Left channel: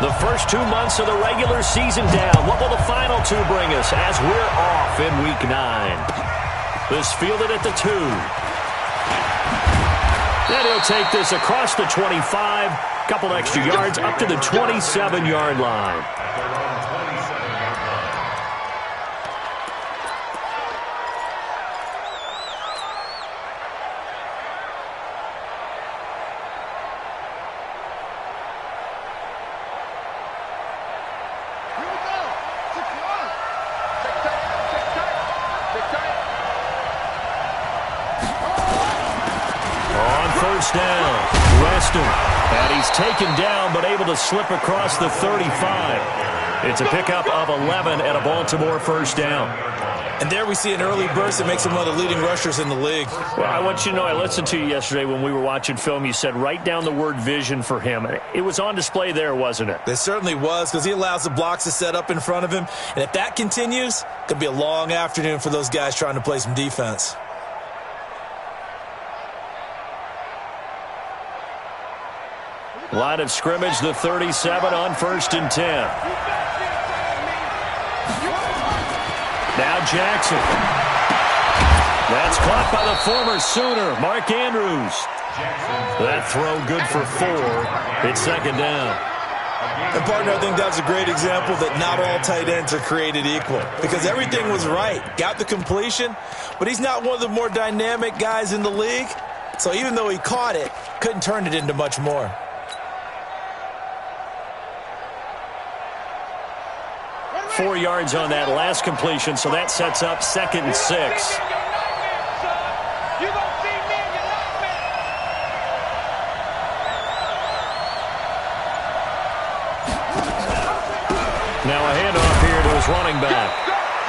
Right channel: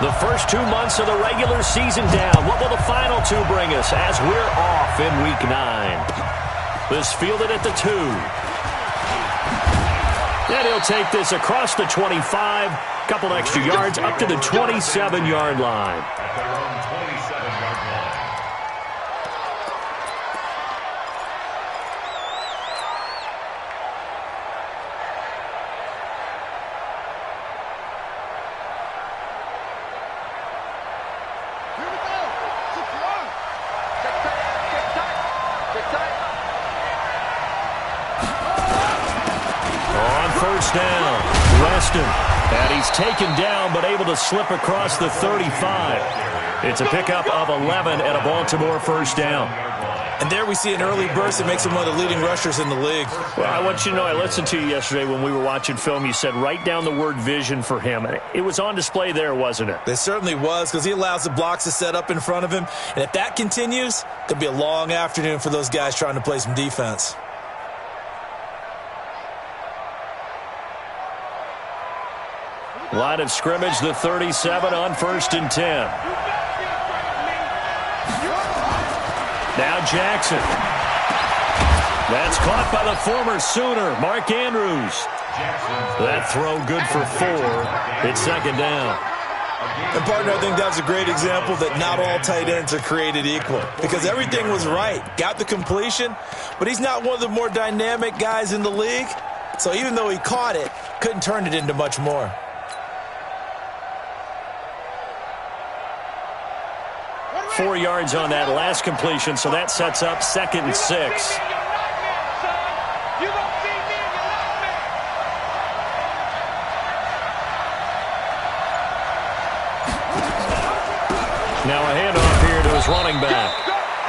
The first 2 months of the regular season down. What will the final 2 bring us as we're off in Week 9? This fielded at the 2. And he'll take this across the 25. Couple extra yards up to the 27-yard line. Down. Weston. And he's taken down but able to slip across the 35. It's a pickup of 11 and a Baltimore first down. And there we see an early burst that makes him one of the leading rushers in the league. Well, I want you to know, I listened to you yesterday when we were watching film. You said write down the word vision for him. And it was on display there, wasn't it? It certainly was, because he allows the blocks to set up in front of him. And if that continues, it could be a long afternoon for those guys trying to play some defense. Line of scrimmage, the 37 on 1st and 10. Now Jackson. That's caught by the former Sooner, Mark Andrews. That throw good for 4. It's second down. And, partner, I think that was a great example that not all tight ends are created equal, because everything was right. Got the completion, but he's not one of the more dynamic guys in the league. So even though he caught it, couldn't turn it into much more. 4 yards on that last completion, so that sets up 2nd and 6. Now a handoff here to his running back.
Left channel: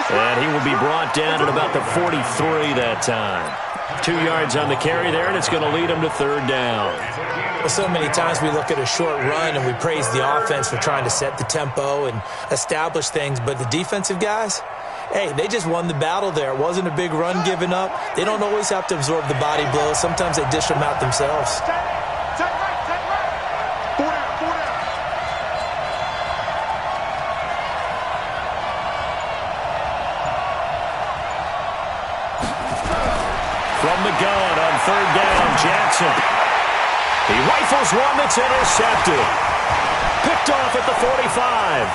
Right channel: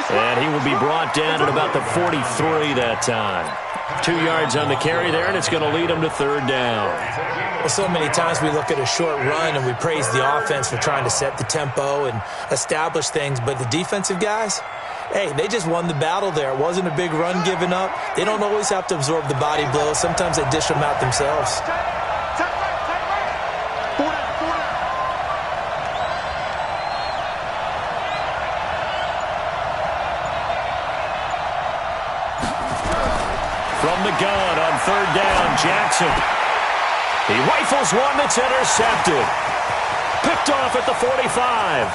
And he will be brought down at about the 43 that time. 2 yards on the carry there, and it's going to lead him to 3rd down. Well, so many times we look at a short run and we praise the offense for trying to set the tempo and establish things, but the defensive guys, hey, they just won the battle there. It wasn't a big run given up. They don't always have to absorb the body blows. Sometimes they dish them out themselves. From the gun on 3rd down, Jackson. He rifles one that's intercepted. Picked off at the 45.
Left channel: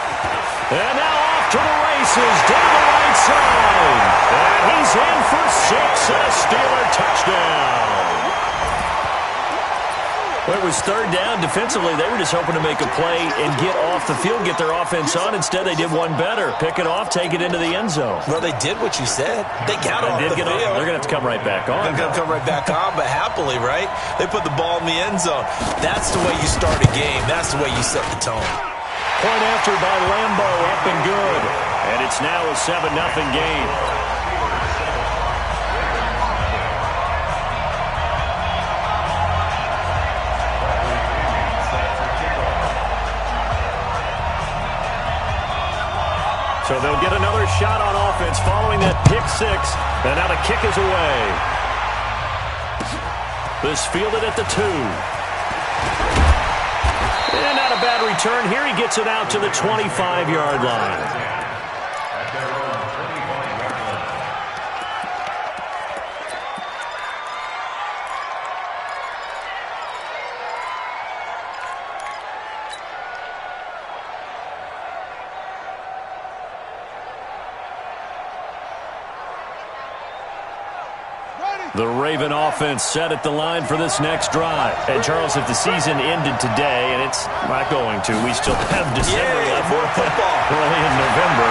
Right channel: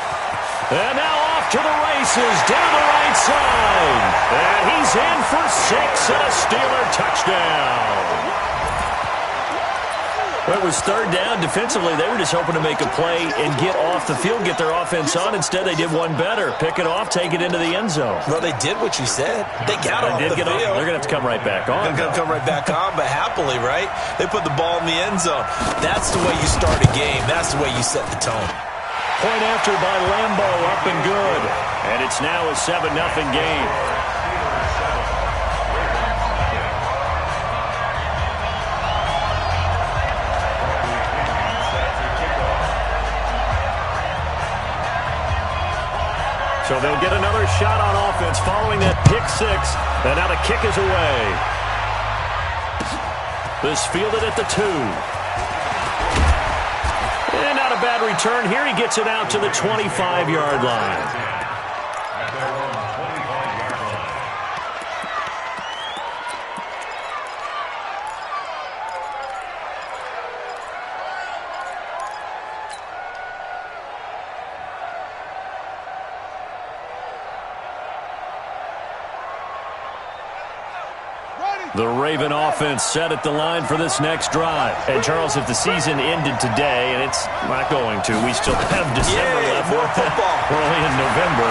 And now off to the races down the right side. And he's in for 6 and a Steeler touchdown. Well, it was 3rd down. Defensively, they were just hoping to make a play and get off the field, get their offense on. Instead, they did one better. Pick it off, take it into the end zone. Well, they did what you said. They got off the field. They're going to have to come right back on. They're going to come right back on, but happily, right? They put the ball in the end zone. That's the way you start a game. That's the way you set the tone. Point after by Lambo, up and good. And it's now a 7-0 game. So they'll get another shot on offense following that pick 6. And now the kick is away. This fielded at the 2. And not a bad return. Here he gets it out to the 25-yard line. The Raven offense set at the line for this next drive. And, Charles, if the season ended today, and it's not going to, we still have December left. More football. We're only in November.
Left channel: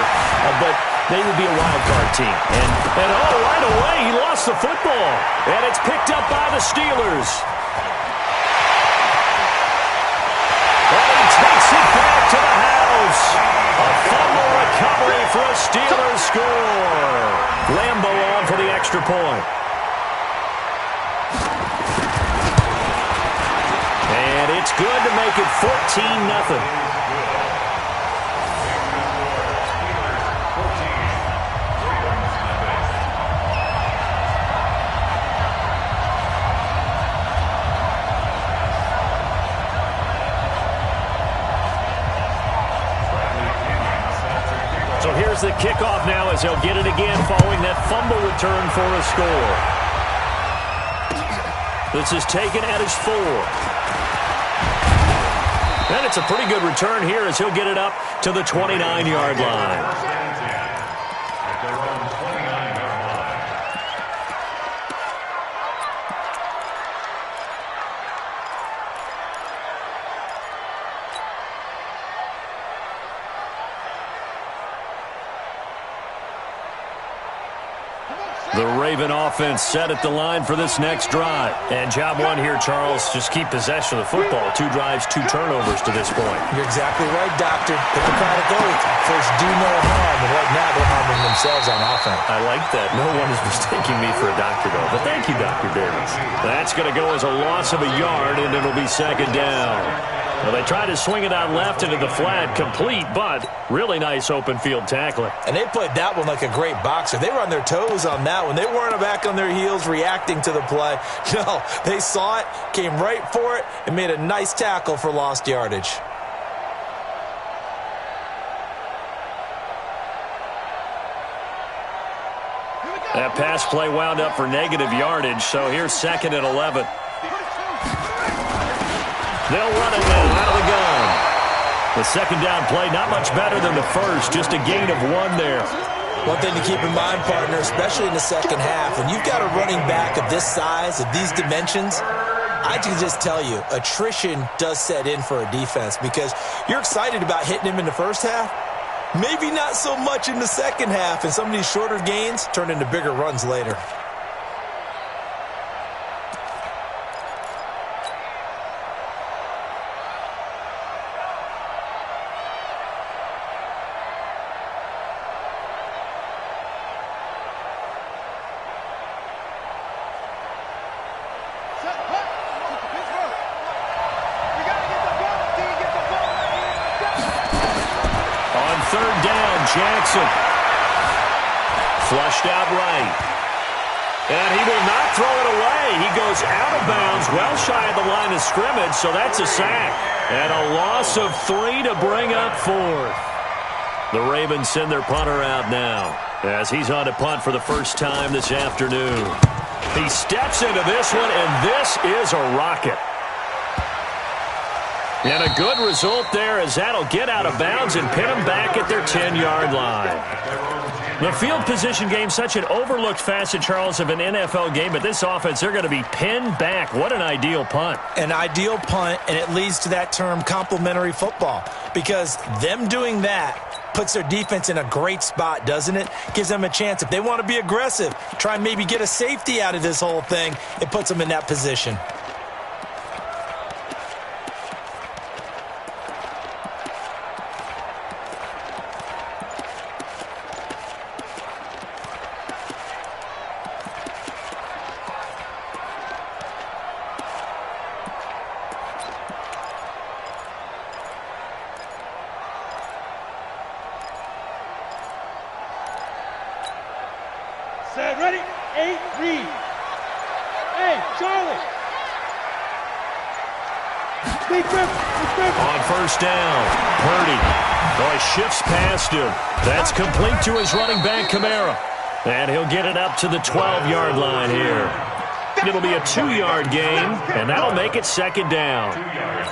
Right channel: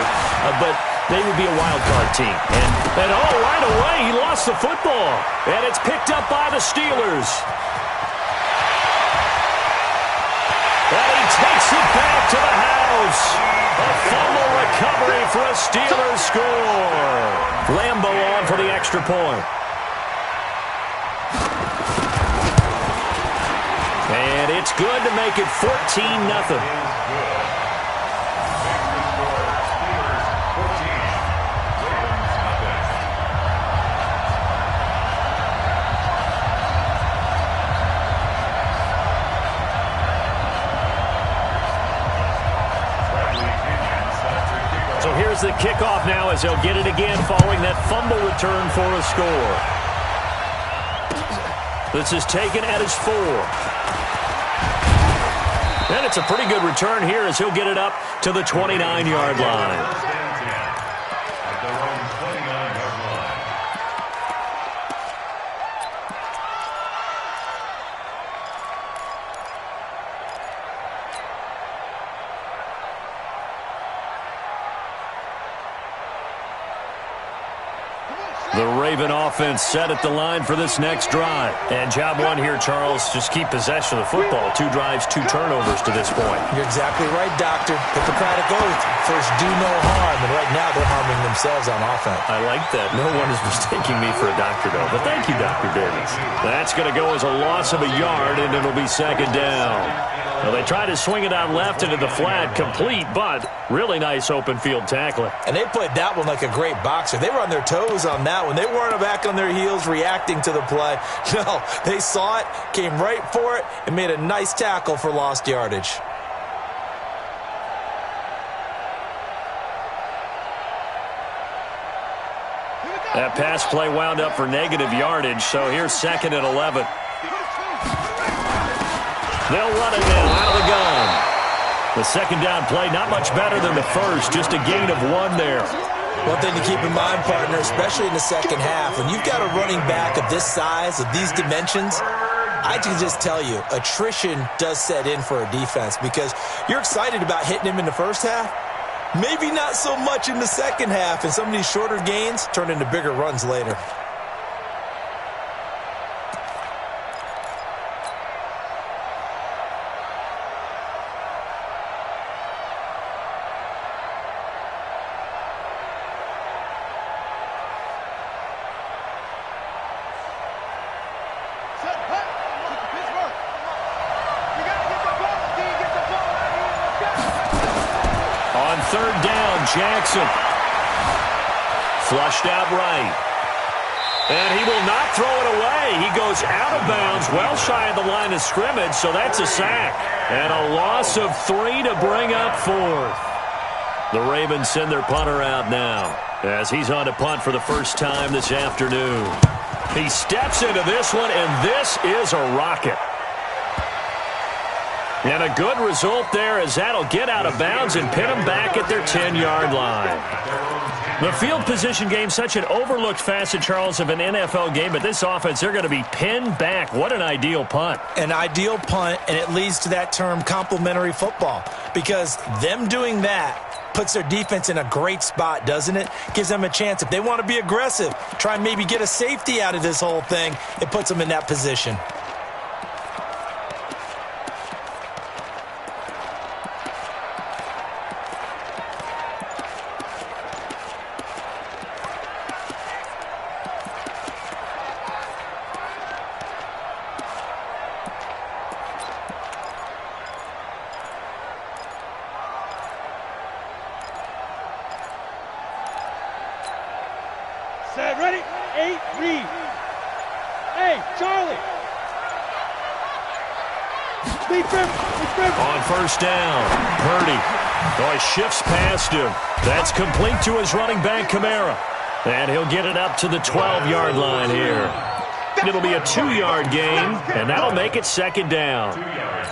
But they would be a wild card team. And right away, he lost the football. And it's picked up by the Steelers. And he takes it back to the house. A fumble recovery for a Steelers score. Lambo on for the extra point. And it's good to make it 14-0. So here's the kickoff now as they'll get it again following that fumble return for a score. This is taken at his 4. And it's a pretty good return here as he'll get it up to the 29-yard line. The Raven offense set at the line for this next drive. And job one here, Charles, just keep possession of the football. 2 drives, 2 turnovers to this point. You're exactly right, Doctor. Hippocratic oath. First, do no harm. And right now, they're harming themselves on offense. I like that. No one is mistaking me for a doctor, though. But thank you, Dr. Davis. That's going to go as a loss of a yard, and it'll be second down. Well, they tried to swing it out left into the flat, complete, but really nice open field tackling. And they played that one like a great boxer. They were on their toes on that one. They weren't back on their heels reacting to the play. No, they saw it, came right for it, and made a nice tackle for lost yardage. That pass play wound up for negative yardage, so here's second and 11. They'll run it now out of the gun. The second down play, not much better than the first, just a gain of 1 there. One thing to keep in mind, partner, especially in the second half, when you've got a running back of this size, of these dimensions, I can just tell you, attrition does set in for a defense because you're excited about hitting him in the first half. Maybe not so much in the second half, and some of these shorter gains turn into bigger runs later. Third down, Jackson. Flushed out right. And he will not throw it away. He goes out of bounds, well shy of the line of scrimmage, so that's a sack. And a loss of 3 to bring up 4th. The Ravens send their punter out now as he's on to punt for the first time this afternoon. He steps into this one, and this is a rocket. And a good result there as that'll get out of bounds and pin them back at their 10-yard line. The field position game, such an overlooked facet, Charles, of an NFL game, but this offense, they're going to be pinned back. What an ideal punt. An ideal punt, and it leads to that term complementary football, because them doing that puts their defense in a great spot, doesn't it? Gives them a chance. If they want to be aggressive, try and maybe get a safety out of this whole thing, it puts them in that position. Set, ready, 8, read. Hey, Charlie. Big rip. On first down, Purdy. Oh, he shifts past him. That's complete to his running back, Kamara. And he'll get it up to the 12-yard line here. It'll be a 2-yard gain, and that'll make it second down.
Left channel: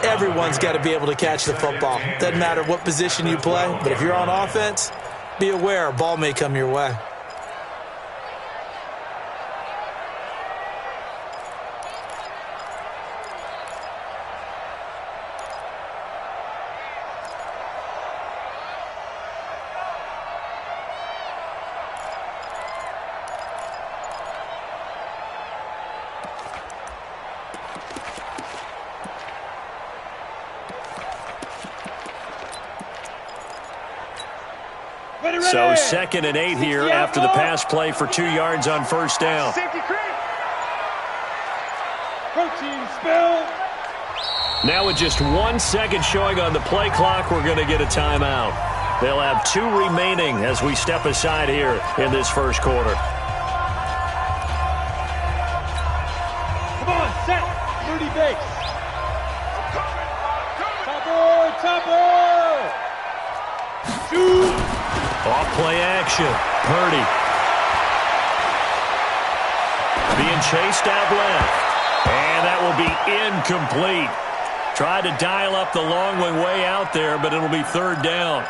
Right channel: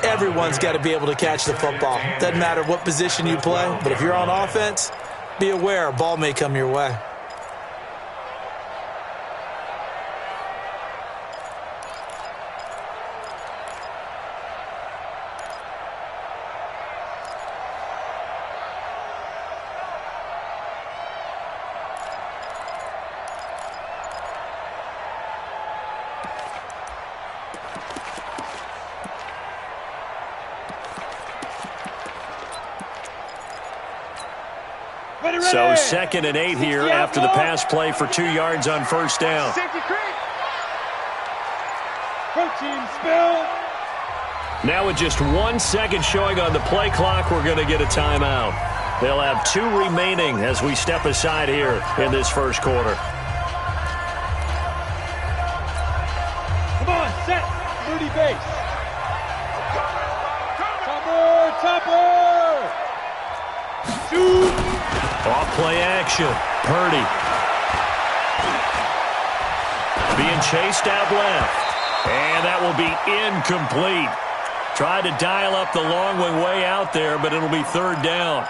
Everyone's got to be able to catch the football. Doesn't matter what position you play, but if you're on offense, be aware a ball may come your way. So second and 8 here after the pass play for 2 yards on first down. Safety creep. Protein spill. Now with just 1 second showing on the play clock, we're going to get a timeout. They'll have 2 remaining as we step aside here in this first quarter. Come on, set. 30 base. Topper. Shoot. Off play action. Purdy. Being chased out left. And that will be incomplete. Tried to dial up the long way out there, but it'll be third down.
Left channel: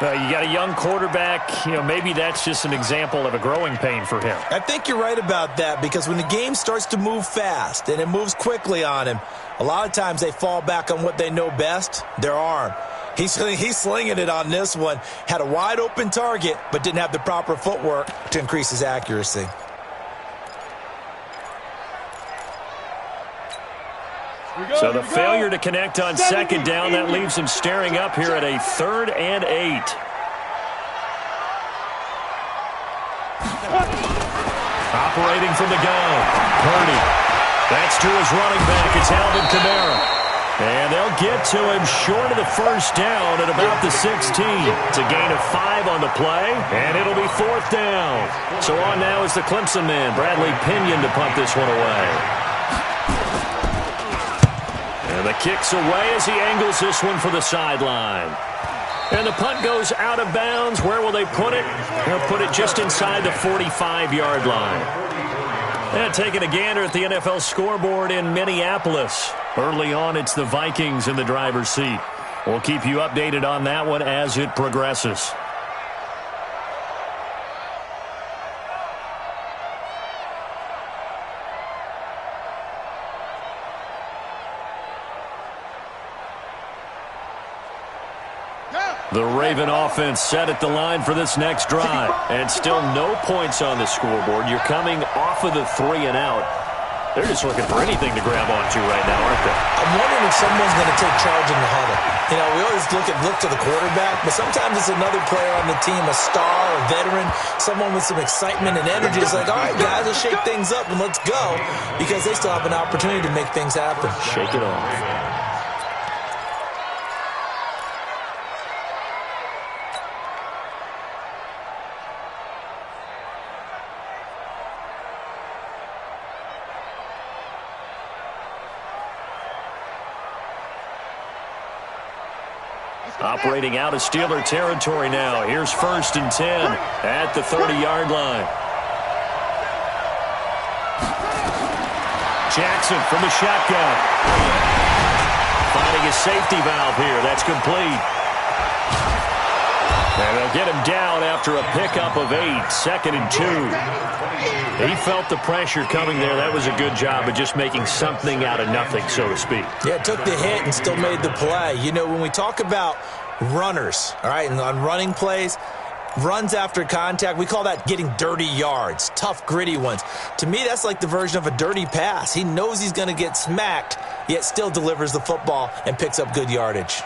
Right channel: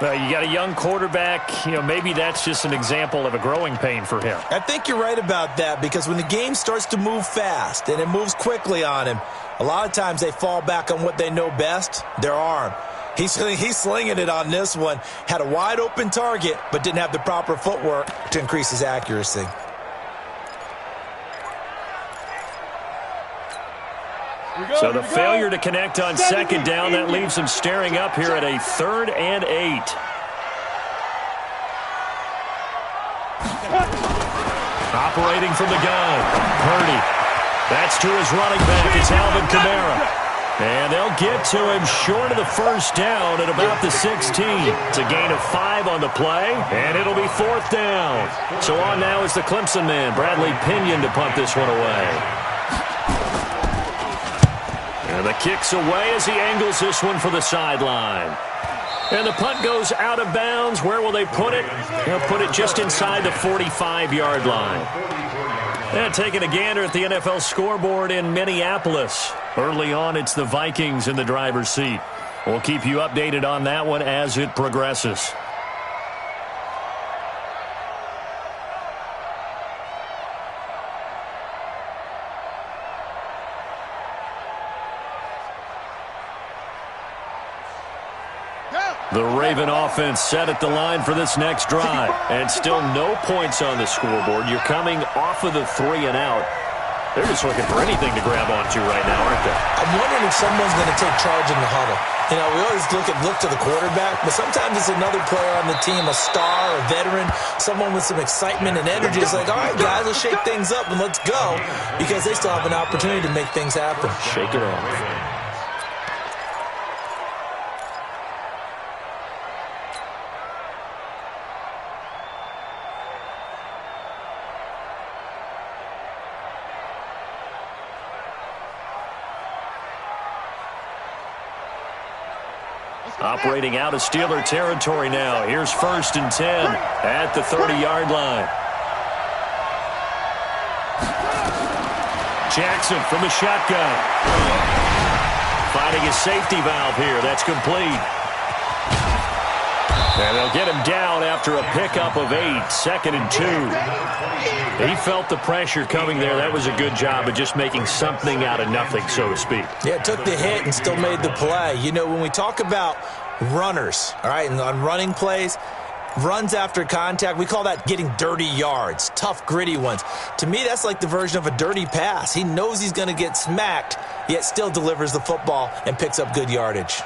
You got a young quarterback. Maybe that's just an example of a growing pain for him. I think you're right about that, because when the game starts to move fast and it moves quickly on him, a lot of times they fall back on what they know best, their arm. He's slinging it on this one. Had a wide open target, but didn't have the proper footwork to increase his accuracy. So the failure to connect on second down, that leaves them staring up here at a 3rd and 8. Operating from the gun, Purdy. That's to his running back. It's Alvin Kamara. And they'll get to him short of the first down at about the 16. It's a gain of 5 on the play, and it'll be 4th down. So on now is the Clemson man, Bradley Pinion, to punt this one away. And the kick's away as he angles this one for the sideline. And the punt goes out of bounds. Where will they put it? They'll put it just inside the 45-yard line. And taking a gander at the NFL scoreboard in Minneapolis. Early on, it's the Vikings in the driver's seat. We'll keep you updated on that one as it progresses. The Raven offense set at the line for this next drive. And still no points on the scoreboard. You're coming off of the 3 and out. They're just looking for anything to grab onto right now, aren't they? I'm wondering if someone's going to take charge in the huddle. We always look to the quarterback, but sometimes it's another player on the team, a star, a veteran, someone with some excitement and energy. It's like, all right, guys, let's shake things up and let's go, because they still have an opportunity to make things happen. Shake it off. Operating out of Steeler territory now. Here's 1st and 10 at the 30-yard line. Jackson from the shotgun. Finding his safety valve here. That's complete. And they'll get him down after a pickup of 8. 2nd and 2. He felt the pressure coming there. That was a good job of just making something out of nothing, so to speak. Yeah, took the hit and still made the play. When we talk about runners, all right, and on running plays, runs after contact, we call that getting dirty yards, tough, gritty ones. To me, that's like the version of a dirty pass. He knows he's going to get smacked, yet still delivers the football and picks up good yardage.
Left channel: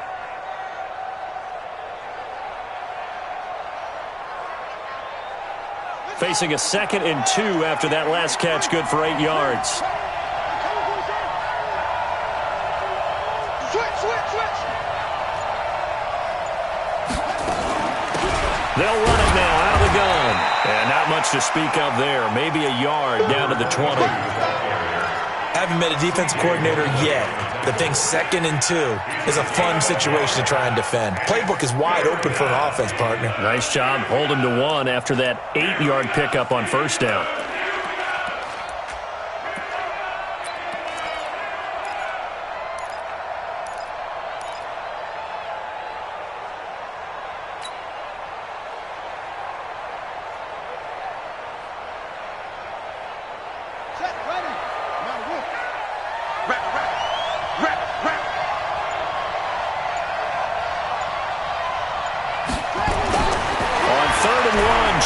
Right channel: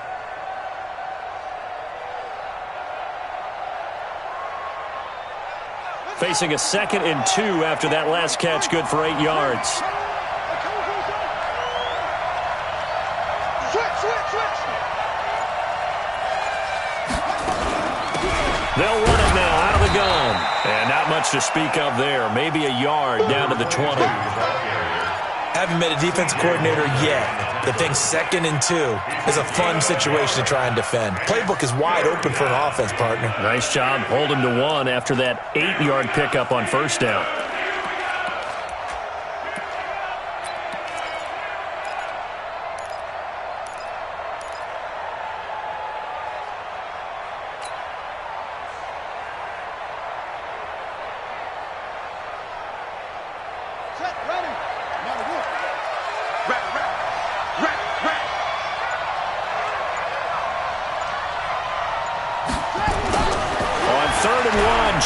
Facing a 2nd and 2 after that last catch, good for 8 yards. Switch. They'll run it now out of the gun. And not much to speak of there. Maybe a yard down to the 20. Haven't been a defensive coordinator yet. The thing 2nd and 2 is a fun situation to try and defend. Playbook is wide open for an offense, partner. Nice job holding to 1 after that 8-yard pickup on 1st down.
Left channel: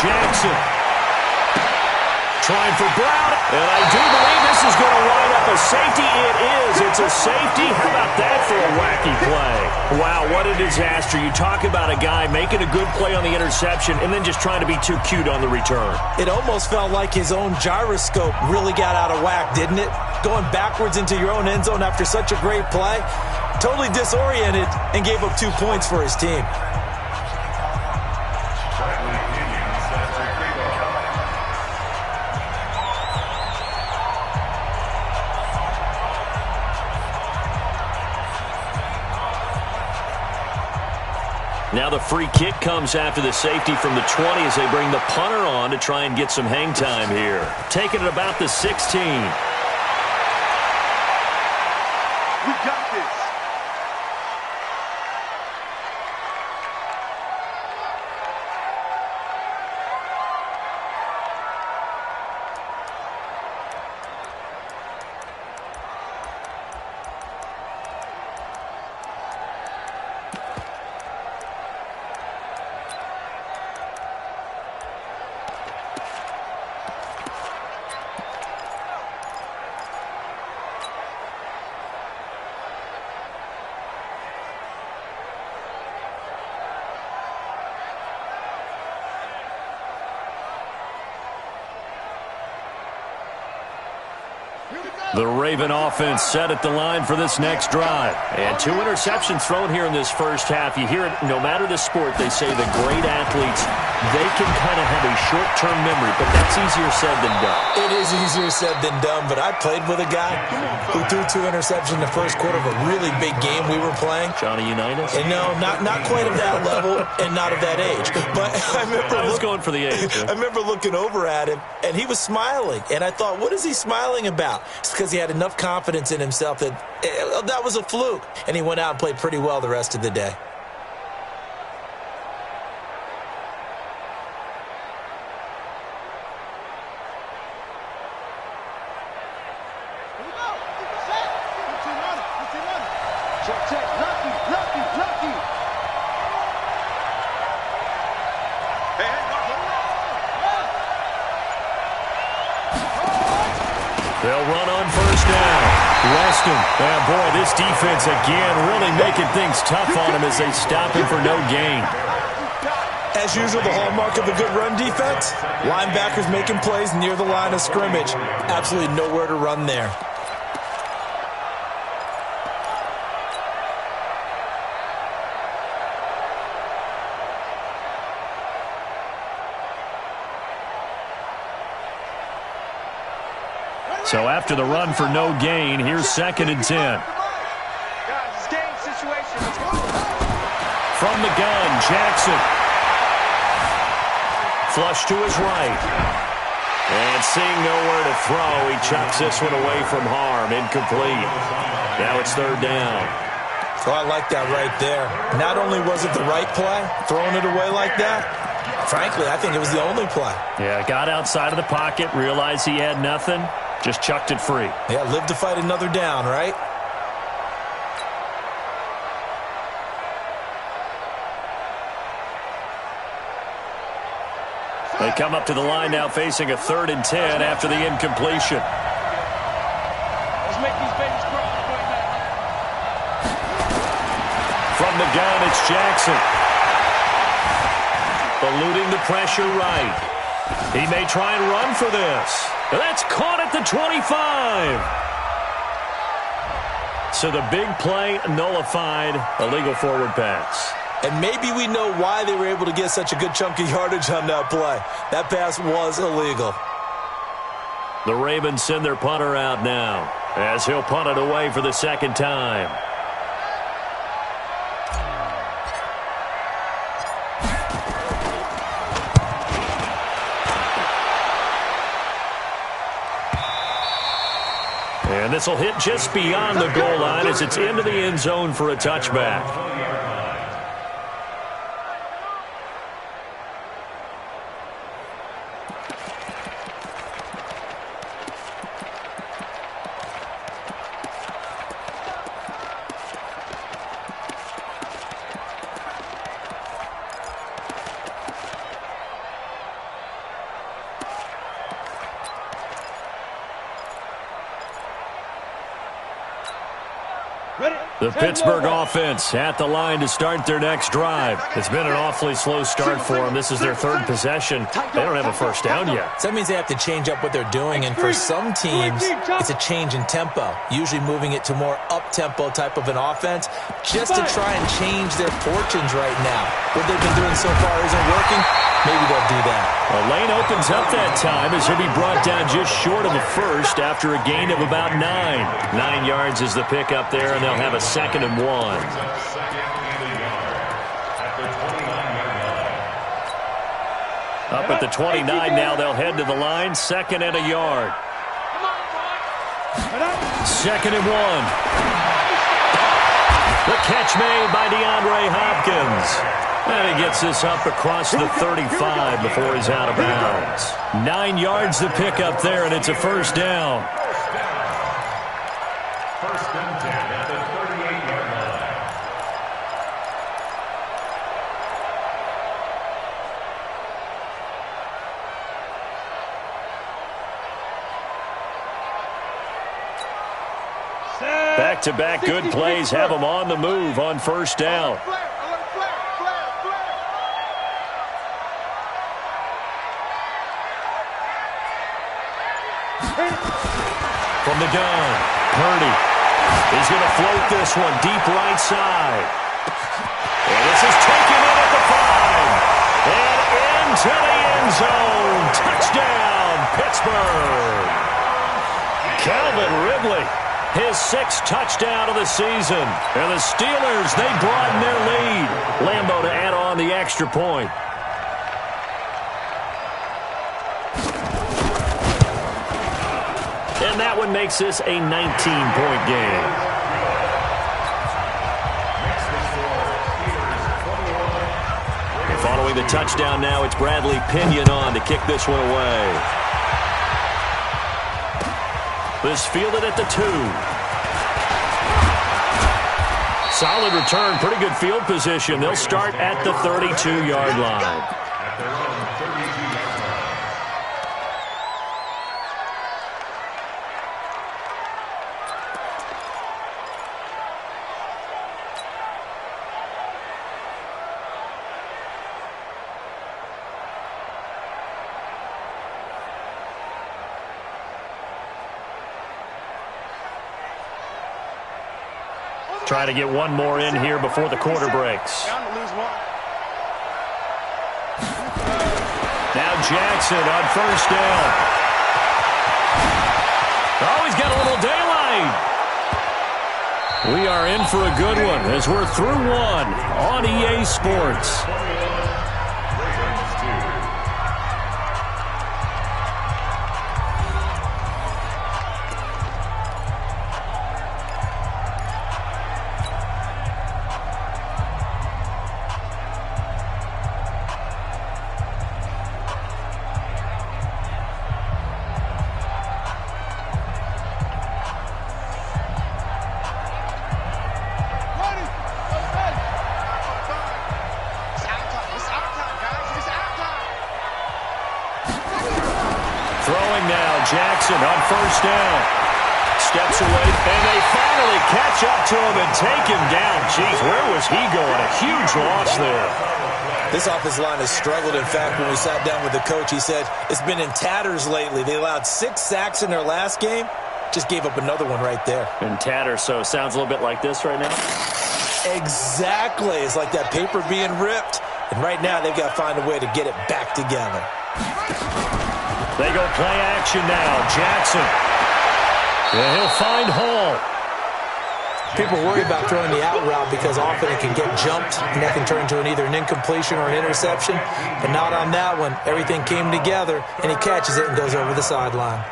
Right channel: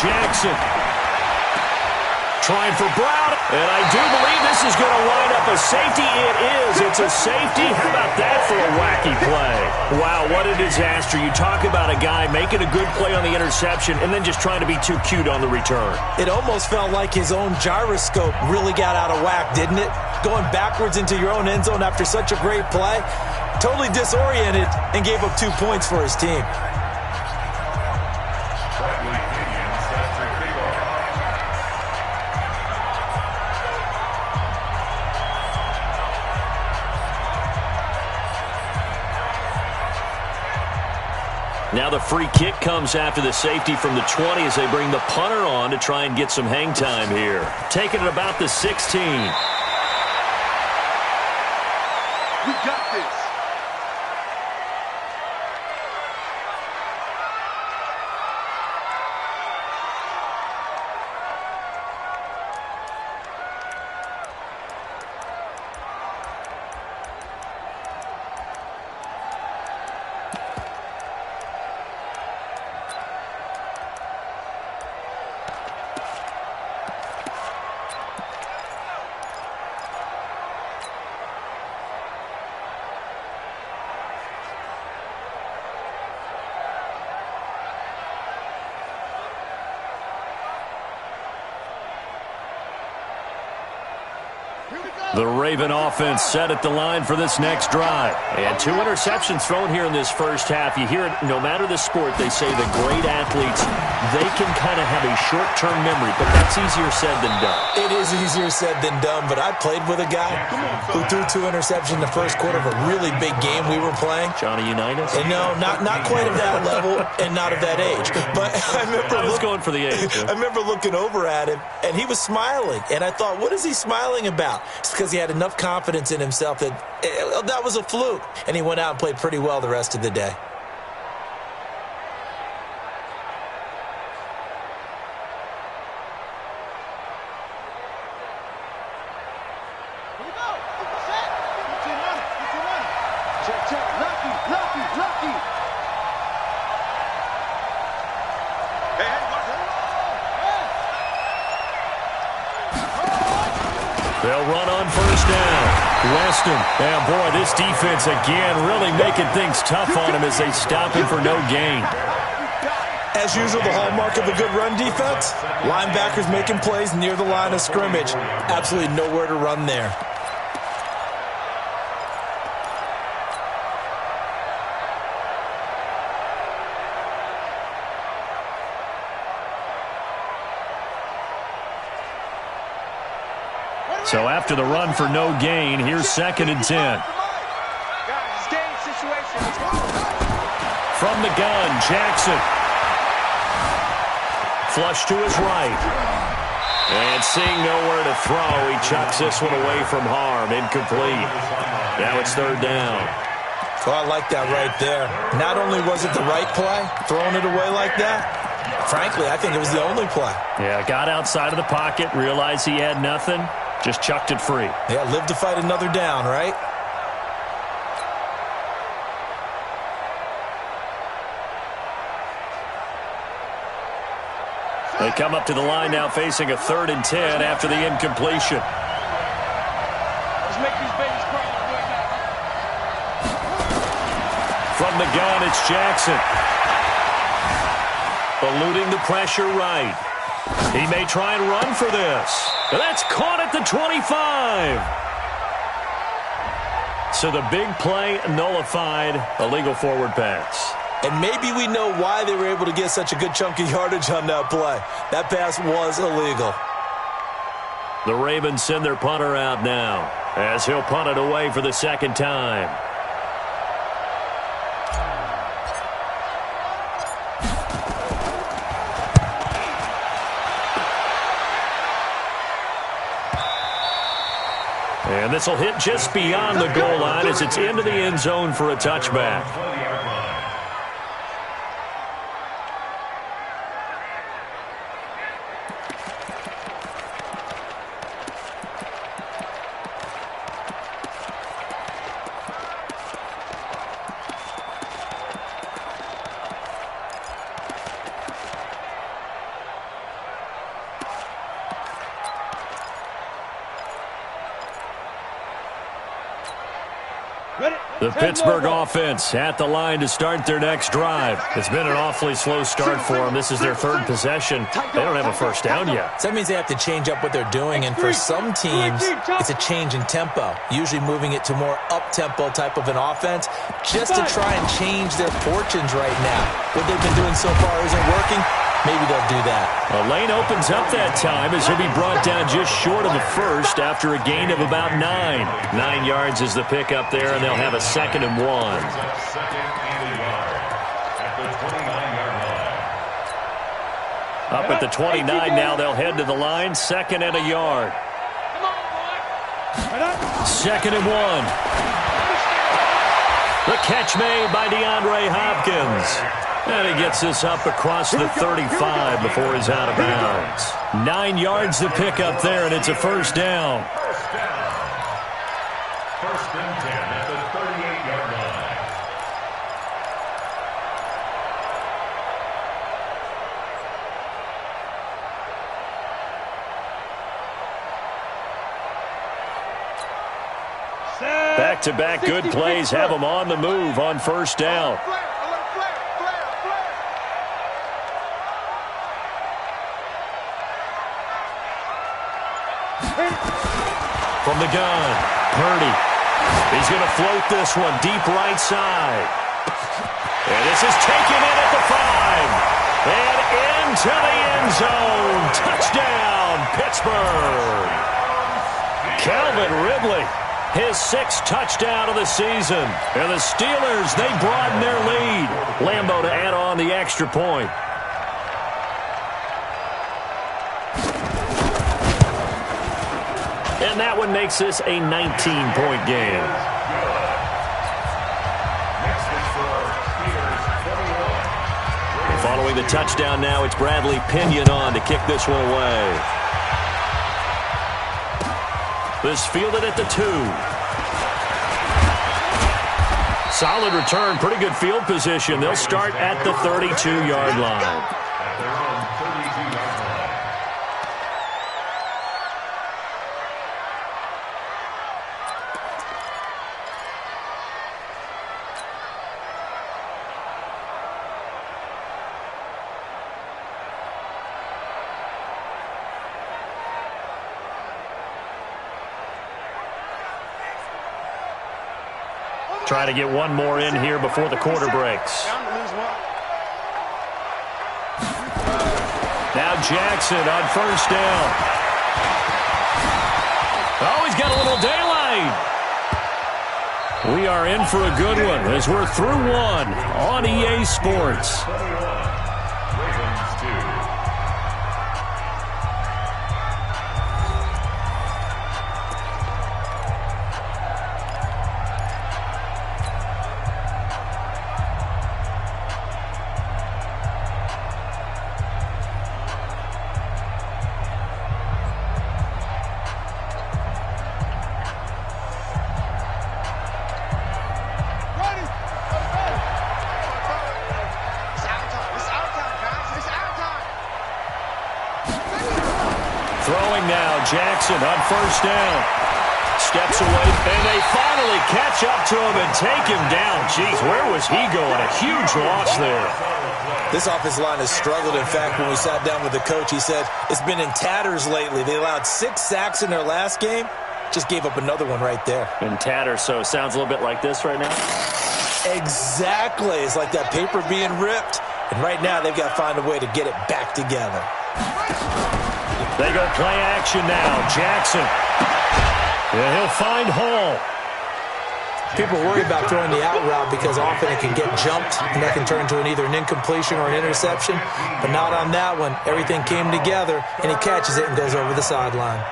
Jackson trying for Brown, and I do believe this is going to wind up a safety. It is. It's a safety. How about that for a wacky play? Wow, what a disaster. You talk about a guy making a good play on the interception and then just trying to be too cute on the return. It almost felt like his own gyroscope really got out of whack, didn't it? Going backwards into your own end zone after such a great play. Totally disoriented and gave up 2 points for his team. Now the free kick comes after the safety from the 20 as they bring the punter on to try and get some hang time here. Taking it about the 16. We got this. The Raven offense set at the line for this next drive. And 2 interceptions thrown here in this first half. You hear it, no matter the sport, they say the great athletes, they can kind of have a short-term memory, but that's easier said than done. It is easier said than done, but I played with a guy who threw 2 interceptions in the first quarter of a really big game we were playing. Johnny Unitas? And no, not quite of that level and not of that age. But I was going for the age. I remember looking over at him, and he was smiling. And I thought, what is he smiling about? It's because he had enough confidence in himself that that was a fluke. And he went out and played pretty well the rest of the day. Here we go. Set. 15 on it. 15 on it. Check. Lucky. Hey, watch it. They'll run on first down. Weston. And boy, this defense again really making things tough on him as they stop him for no gain. As usual, the hallmark of a good run defense, linebackers making plays near the line of scrimmage. Absolutely nowhere to run there. So after the run for no gain, here's 2nd and 10. Guys, it's game situation. Let's go. From the gun, Jackson. Flush to his right. And seeing nowhere to throw, he chucks this one away from harm. Incomplete. Now it's 3rd down. Oh, I like that right there. Not only was it the right play, throwing it away like that, frankly, I think it was the only play. Yeah, got outside of the pocket, realized he had nothing, just chucked it free. Yeah, live to fight another down, right? They come up to the line now facing a 3rd and 10 after the incompletion. Let's make these babies crawl all the way back. From the gun, it's Jackson. Eluding the pressure right. He may try and run for this. That's caught at the 25. So the big play nullified, a legal forward pass. And maybe we know why they were able to get such a good chunk of yardage on that play. That pass was illegal. The Ravens send their punter out now as he'll punt it away for the 2nd time. And this will hit just beyond the goal line as it's into the end zone for a touchback. The Pittsburgh offense at the line to start their next drive. It's been an awfully slow start for them. This is their 3rd possession. They don't have a first down yet. So that means they have to change up what they're doing, and for some teams, it's a change in tempo, usually moving it to more up-tempo type of an offense, just to try and change their fortunes right now. What they've been doing so far isn't working. Maybe they'll do that. A lane opens up that time as he'll be brought down just short of the first after a gain of about 9. 9 yards is the pickup there, and they'll have a 2nd and 1. at the 29-yard line. Up at the 29 now, they'll head to the line. 2nd and a yard. Come on, boy. 2nd and 1. The catch made by DeAndre Hopkins. And he gets this up across the 35 before he's out of bounds. 9 yards to pick up there, and it's a first down. First down. 1st and 10 at the 38-yard line. Back-to-back good plays have them on the move on first down. Flare, alert, flare, flare, flare. From the gun, Purdy. He's going to float this one deep right side. And this is taken in at the 5. And into the end zone. Touchdown, Pittsburgh. Calvin Ridley, his 6th touchdown of the season. And the Steelers, they broaden their lead. Lambeau to add on the extra point. And that one makes this a 19-point game. And following the touchdown now, it's Bradley Pinion on to kick this one away. This fielded at the 2. Solid return, pretty good field position. They'll start at the 32-yard line. At their own 32-yard line. Try to get one more in here before the quarter breaks. Down to lose one. Now Jackson on first down. Oh, he's got a little daylight. We are in for a good one as we're through one on EA Sports. 21, Ravens 2. Ready. Go to bed. It's our time. It's our time, guys. It's our time. Throwing now, Jackson on first down. Steps away, and they finally catch up to him and take him down. Jeez, where was he going? A huge loss there. This offensive line has struggled. In fact, when we sat down with the coach, he said it's been in tatters lately. They allowed 6 sacks in their last game. Just gave up another one right there. In tatters, so it sounds a little bit like this right now. Exactly. It's like that paper being ripped. And right now, they've got to find a way to get it back together. They go play action now. Jackson. Yeah, he'll find Hall. People worry about throwing the out route because often it can get jumped, and that can turn into either an incompletion or an interception. But not on that one. Everything came together, and he catches it and goes over the sideline.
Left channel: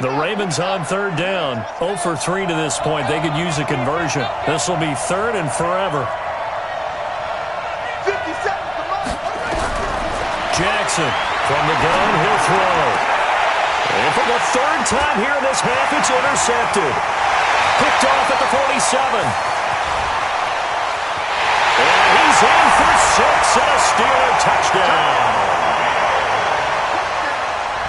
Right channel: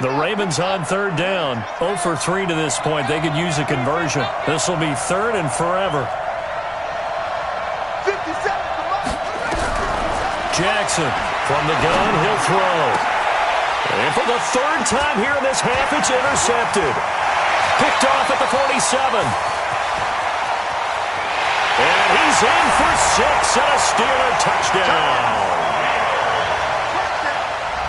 The Ravens on third down. 0 for 3 to this point. They could use a conversion. This will be 3rd and forever. 57, come on. Jackson from the gun. He'll throw. And for the 3rd time here in this half, it's intercepted. Picked off at the 47. And he's in for 6 and a Steeler touchdown.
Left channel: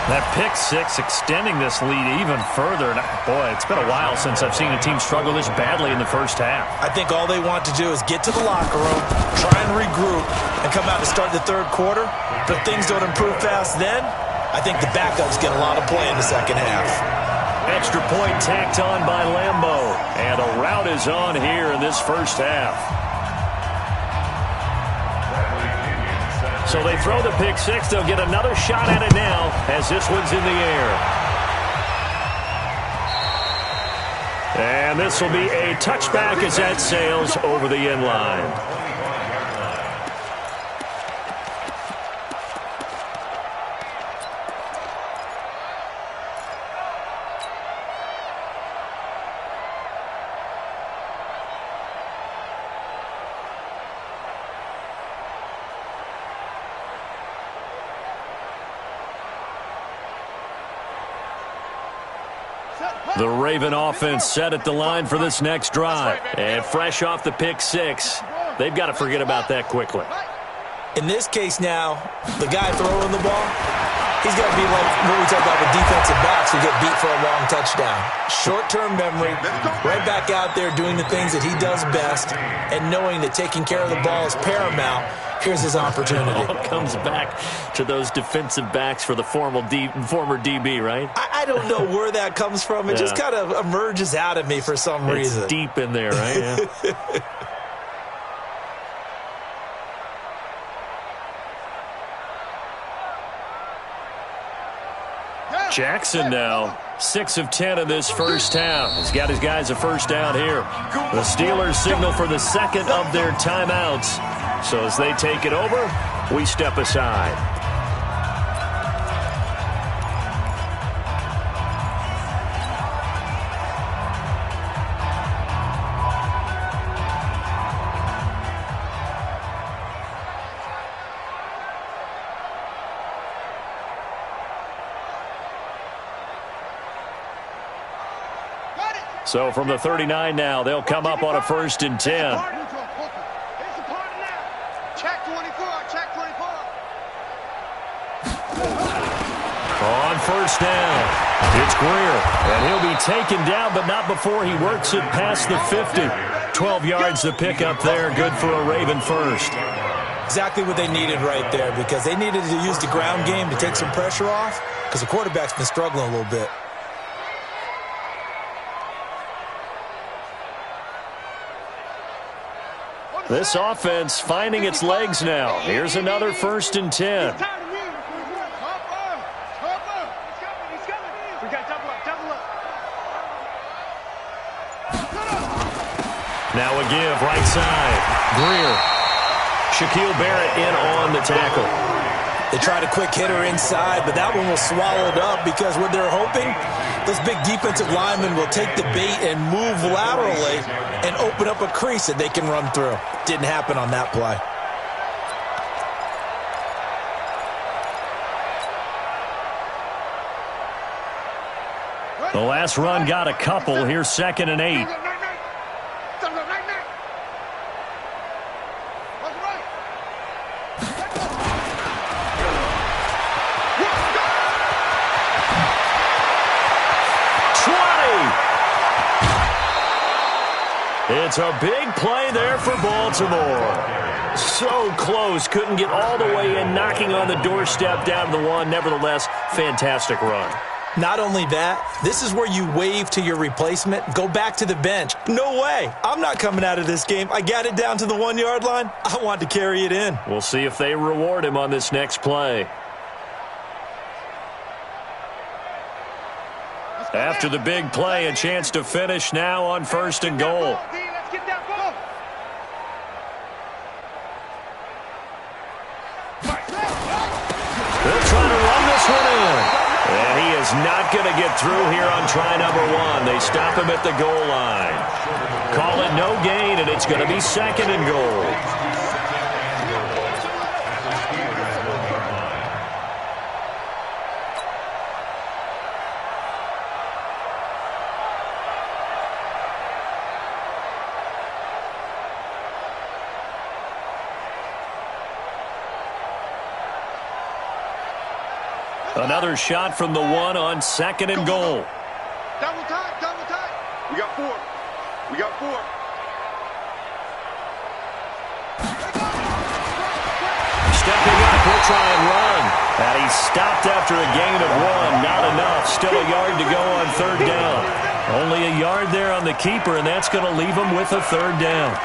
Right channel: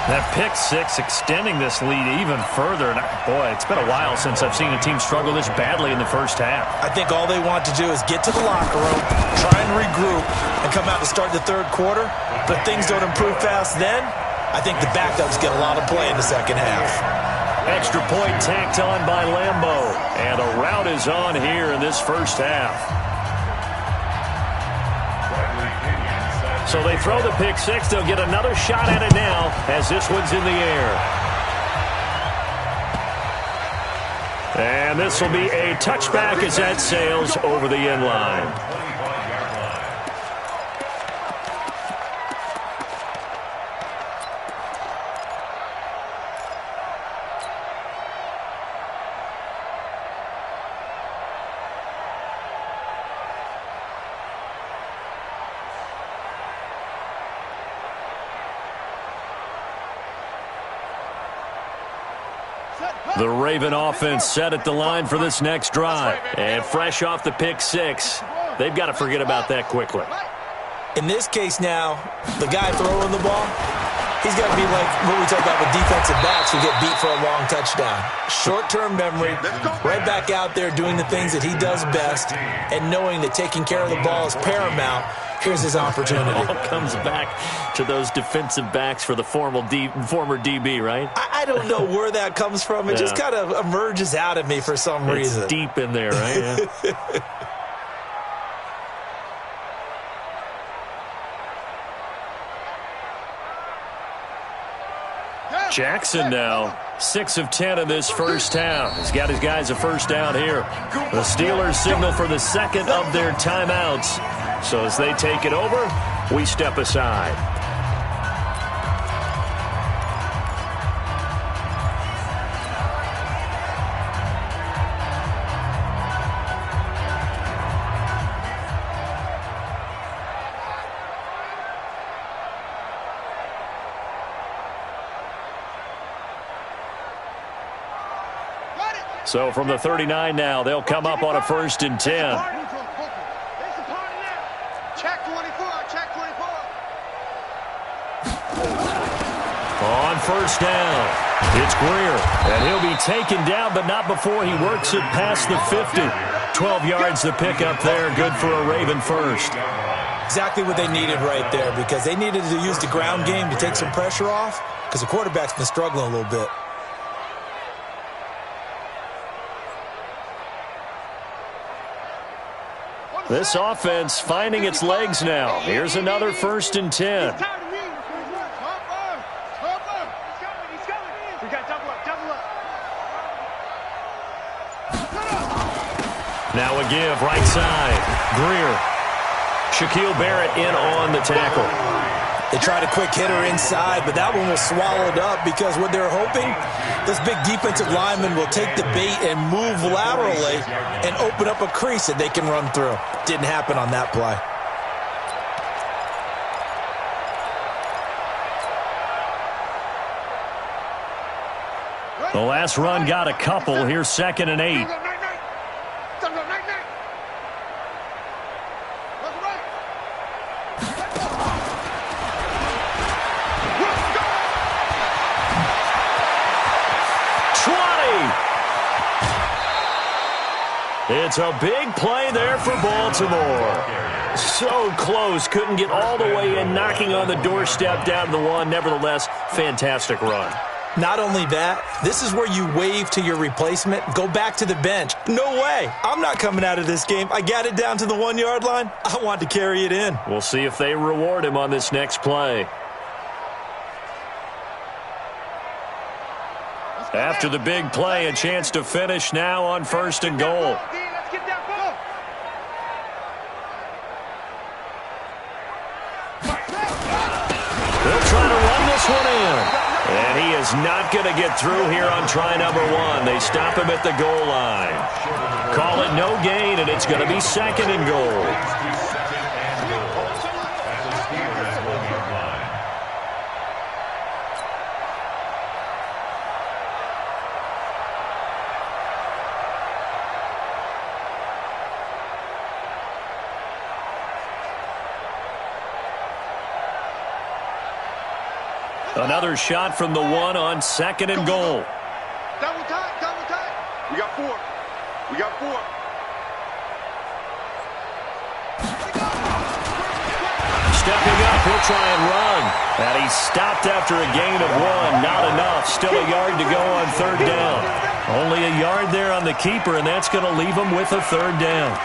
That pick 6 extending this lead even further. And boy, it's been a while since I've seen a team struggle this badly in the first half. I think all they want to do is get to the locker room, try and regroup, and come out to start the 3rd quarter. But if things don't improve fast then, I think the backups get a lot of play in the second half. Extra point tacked on by Lambeau. And a rout is on here in this first half. So they throw the pick six. They'll get another shot at it now as this one's in the air. And this will be a touchback as that sails over the end line. The Raven offense set at the line for this next drive. And fresh off the pick six, they've got to forget about that quickly. In this case now, the guy throwing the ball, he's got to be like what we talk about with defensive backs who get beat for a long touchdown. Short-term memory, right back out there doing the things that he does best, and knowing that taking care of the ball is paramount. Here's his opportunity. It all comes back to those defensive backs for the former DB, right? I don't know where that comes from. It just kind of emerges out of me for some reason. It's deep in there, right? Yeah. Jackson now, 6 of 10 in this first half. He's got his guys a first down here. The Steelers signal for the second of their timeouts. So as they take it over, we step aside. So from the 39 now, they'll come up on a 1st and 10. Check 24, check 24. On first down, it's Greer. And he'll be taken down, but not before he works it past the 50. 12 yards to pick up there. Good for a Raven first. Exactly what they needed right there, because they needed to use the ground game to take some pressure off, because the quarterback's been struggling a little bit. This offense finding its legs now. Here's another 1st and 10. We got double up. Now a give, right side. Greer. Shaquille Barrett in on the tackle. They tried a quick hitter inside, but that one was swallowed up because what they're hoping, this big defensive lineman will take the bait and move laterally and open up a crease that they can run through. Didn't happen on that play. The last run got a couple. Here's 2nd and 8. It's a big play there for Baltimore. So close, couldn't get all the way in, knocking on the doorstep down to the 1. Nevertheless, fantastic run. Not only that, this is where you wave to your replacement, go back to the bench. No way. I'm not coming out of this game. I got it down to the 1 yard line. I want to carry it in. We'll see if they reward him on this next play. After the big play, a chance to finish now on 1st and goal. Let's get that ball. They'll try to run this one in. And he is not going to get through here on try number 1. They stop him at the goal line. Call it no gain, and it's going to be 2nd and goal. Another shot from the 1 on 2nd and goal. Double tight. We got 4. stepping up. He'll try and run. And he stopped after a gain of 1. Not enough. Still a yard to go on third down. Only a yard there on the keeper, and that's going to leave him with a third down.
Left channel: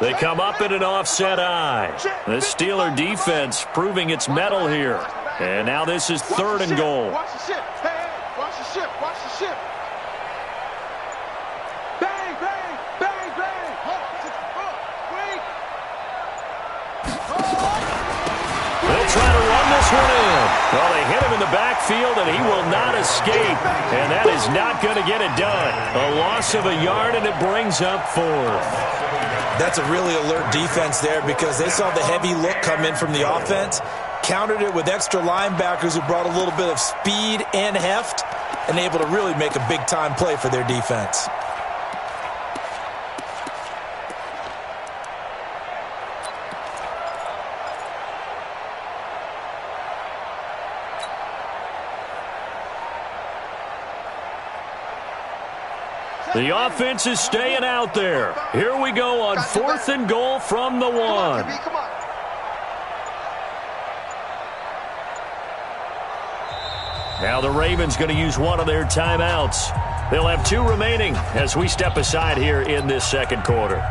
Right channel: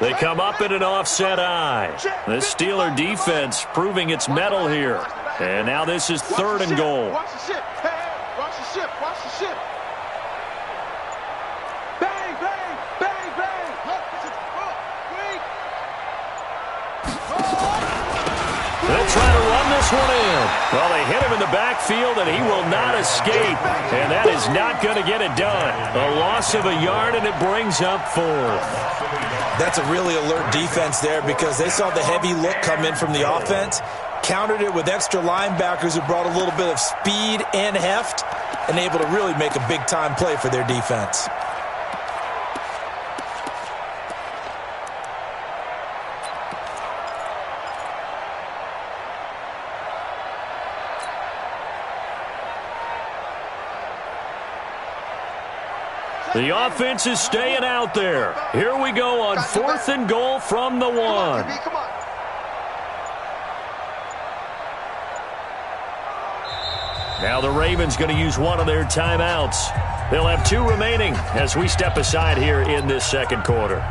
They come up in an offset eye. The Steeler defense proving its mettle here. And now this is third and goal. Watch the ship. Hey, watch the ship. Watch the ship. Bang, bang, bang, bang. Wait. They'll try to run this one in. Well, they hit him in the backfield, and he will not escape. And that is not going to get it done. A loss of a yard, and it brings up fourth. That's a really alert defense there because they saw the heavy look come in from the offense, countered it with extra linebackers who brought a little bit of speed and heft, and able to really make a big-time play for their defense. The offense is staying out there. Here we go on fourth and goal from the 1. Come on. Now the Ravens going to use one of their timeouts. They'll have 2 remaining as we step aside here in this second quarter.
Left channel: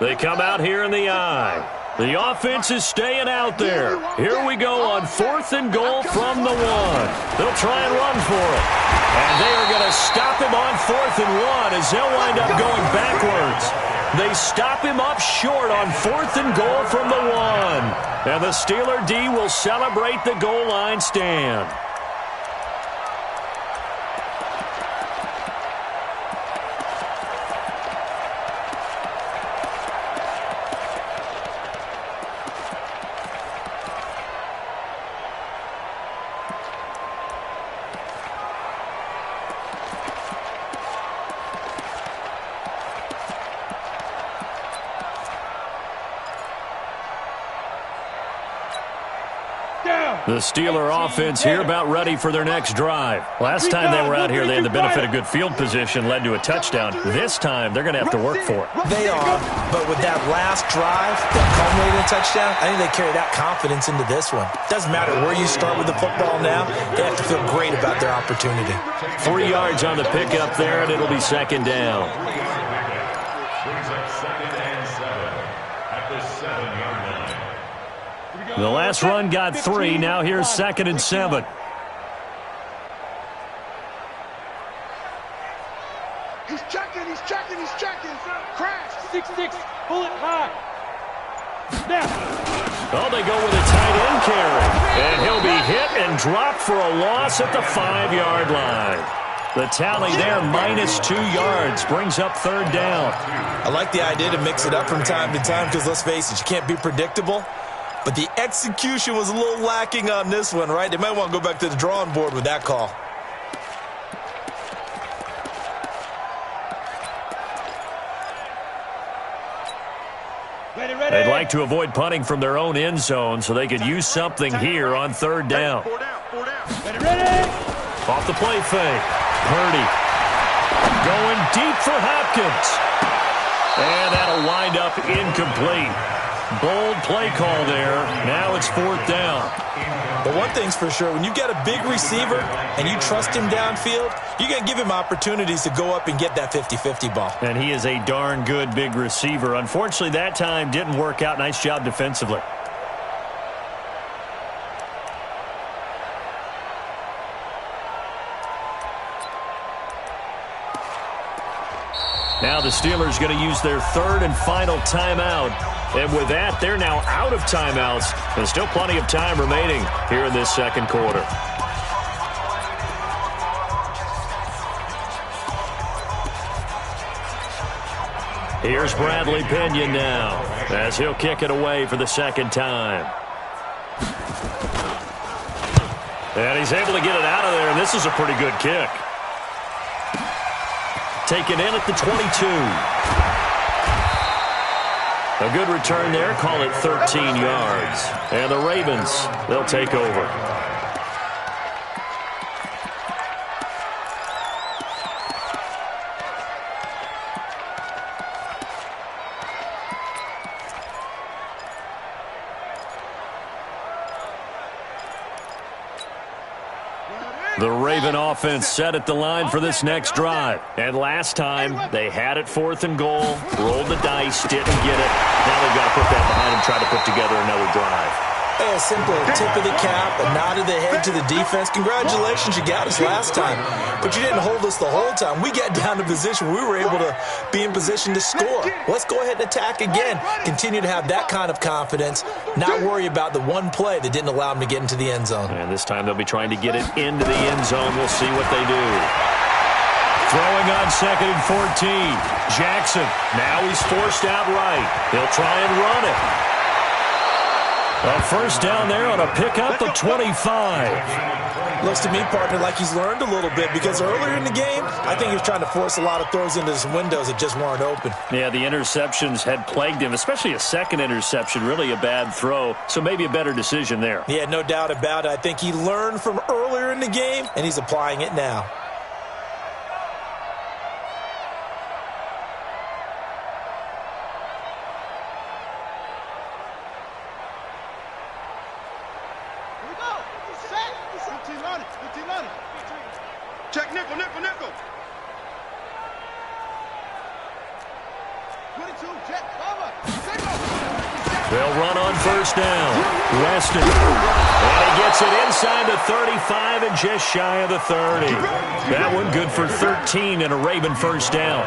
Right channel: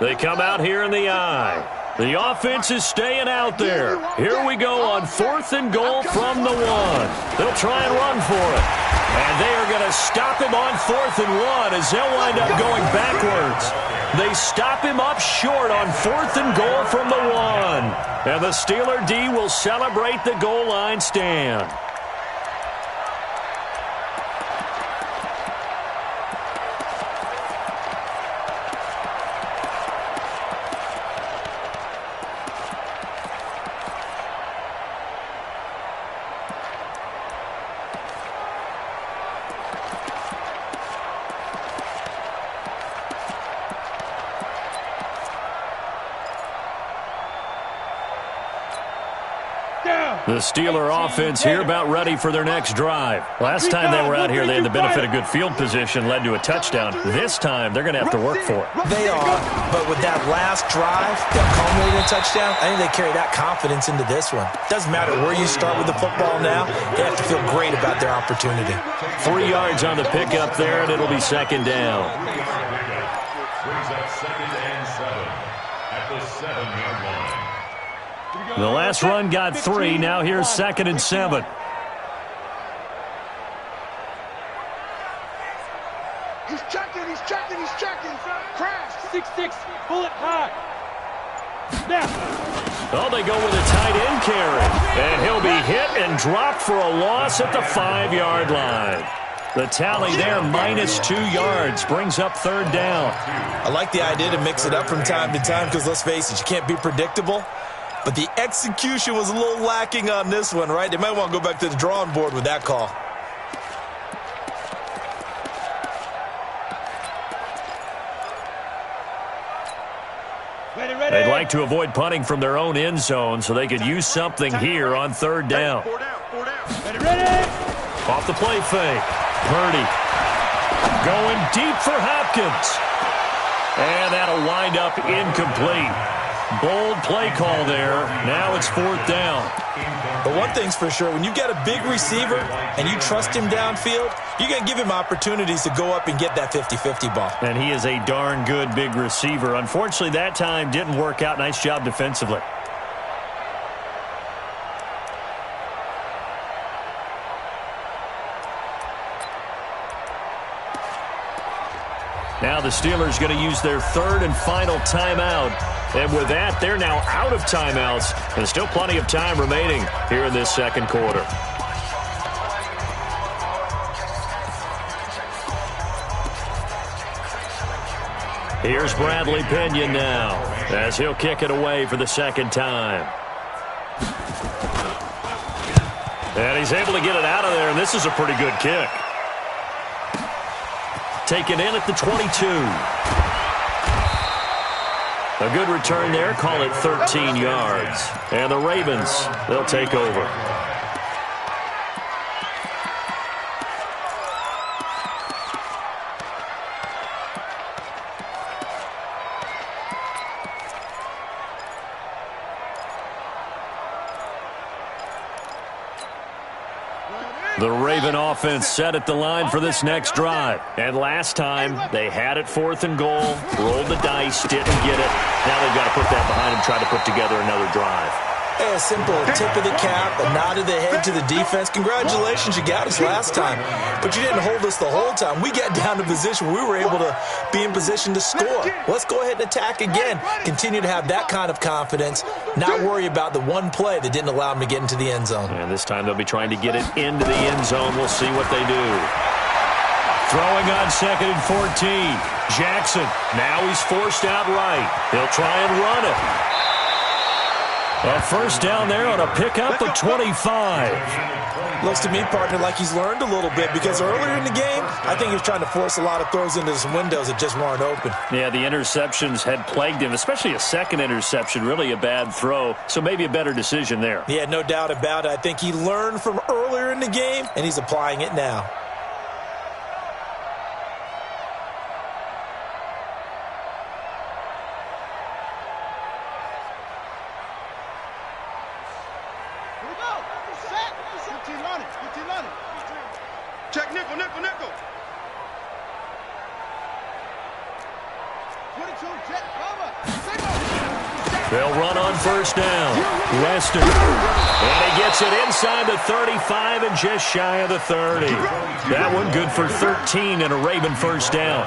They come out here in the eye. The offense is staying out there. Here we go on fourth and goal from the 1. They'll try and run for it. And they are going to stop him on fourth and 1 as they'll wind up going backwards. They stop him up short on fourth and goal from the 1. And the Steeler D will celebrate the goal line stand. The Steeler offense here about ready for their next drive. Last time they were out here, they had the benefit of good field position, led to a touchdown. This time, they're going to have to work for it. They are, but with that last drive that culminated in a touchdown, I think they carry that confidence into this one. Doesn't matter where you start with the football now, they have to feel great about their opportunity. 3 yards on the pickup there, and it'll be second down. Brings up 2nd and 7 at the 7-yard line. The last run got 3. Now here's 2nd and 7. He's checking. Crash. 6-6, bullet high. Snap. Oh, they go with a tight end carry. And he'll be hit and dropped for a loss at the 5-yard line. The tally there, minus 2 yards, brings up third down. I like the idea to mix it up from time to time because, let's face it, you can't be predictable. But the execution was a little lacking on this one, right? They might want to go back to the drawing board with that call. Ready. They'd like to avoid punting from their own end zone so they could use something here on third down. 4 down. Ready. Off the play fake. Purdy going deep for Hopkins. And that'll wind up incomplete. Bold play call there. Now it's fourth down. But one thing's for sure, when you've got a big receiver and you trust him downfield, you're going to give him opportunities to go up and get that 50-50 ball. And he is a darn good big receiver. Unfortunately, that time didn't work out. Nice job defensively. Now the Steelers going to use their third and final timeout. And with that, they're now out of timeouts. There's still plenty of time remaining here in this second quarter. Here's Bradley Pinion now as he'll kick it away for the second time. And he's able to get it out of there, and this is a pretty good kick. Taken in at the 22. A good return there. Call it 13 yards. And the Ravens, they'll take over. The Raven offense set at the line for this next drive. And last time, they had it 4th and goal, rolled the dice, didn't get it. Now they've got to put that behind them, try to put together another drive. Hey, a simple tip of the cap, a nod of the head to the defense. Congratulations, you got us last time. But you didn't hold us the whole time. We got down to position where we were able to be in position to score. Let's go ahead and attack again. Continue to have that kind of confidence, not worry about the one play that didn't allow them to get into the end zone. And this time they'll be trying to get it into the end zone. We'll see what they do. Throwing on 2nd and 14. Jackson, now he's forced out right. He'll try and run it. A first down there on a pickup of 25. Looks to me, partner, like he's learned a little bit because earlier in the game, I think he was trying to force a lot of throws into some windows that just weren't open. Yeah, the interceptions had plagued him, especially a second interception, really a bad throw. So maybe a better decision there. Yeah, no doubt about it. I think he learned from earlier in the game, and he's applying it now. Check nickel, nickel, nickel. 22, jet, Bubba. They'll run on first down. Weston. And he gets it inside the 35 and just shy of the 30. That one good for 13 and a Raven first down.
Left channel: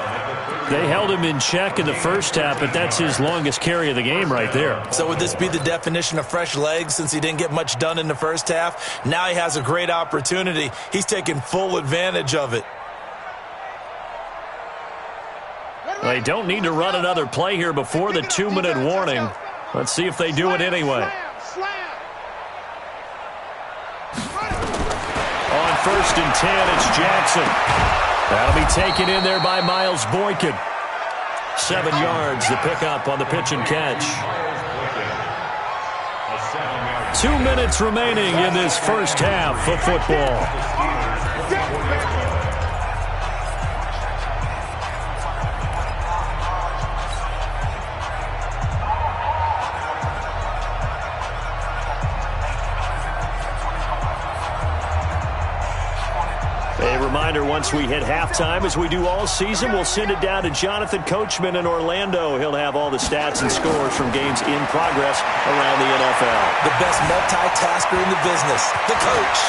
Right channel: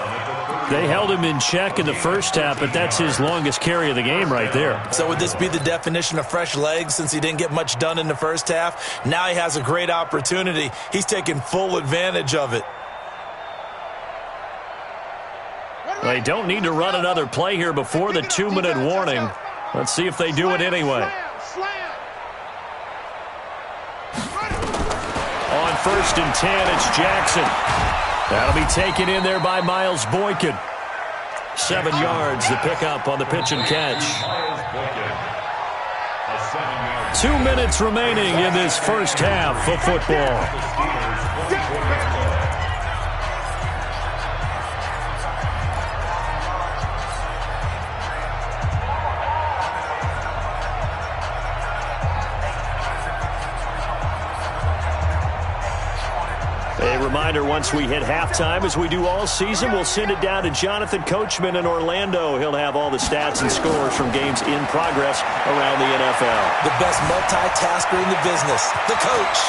They held him in check in the first half, but that's his longest carry of the game right there. So would this be the definition of fresh legs since he didn't get much done in the first half? Now he has a great opportunity. He's taking full advantage of it. They don't need to run another play here before the 2-minute warning. Let's see if they do it anyway. On 1st and 10, it's Jackson. That'll be taken in there by Miles Boykin. 7 yards, the pickup on the pitch and catch. 2 minutes remaining in this first half of football. A reminder, once we hit halftime, as we do all season, we'll send it down to Jonathan Coachman in Orlando. He'll have all the stats and scores from games in progress around the NFL. The best multitasker in the business, the coach.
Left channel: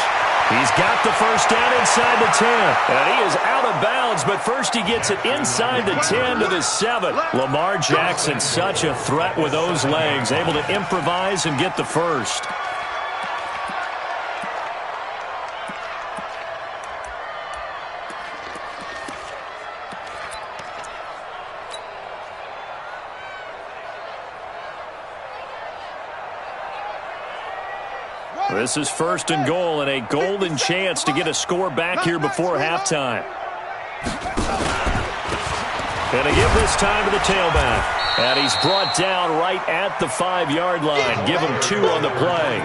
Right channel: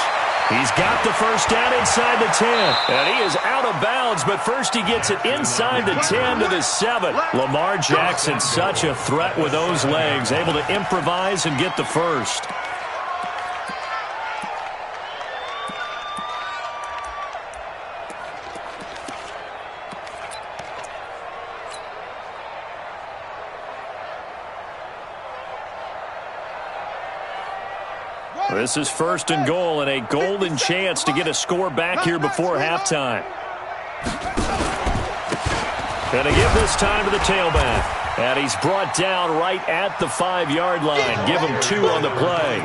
He's got the first down inside the 10. And he is out of bounds, but first he gets it inside the 10 to the 7. Lamar Jackson, such a threat with those legs, able to improvise and get the first. This is 1st and goal and a golden chance to get a score back here before halftime. Gonna give this time to the tailback. And he's brought down right at the 5-yard line. Give him 2 on the play.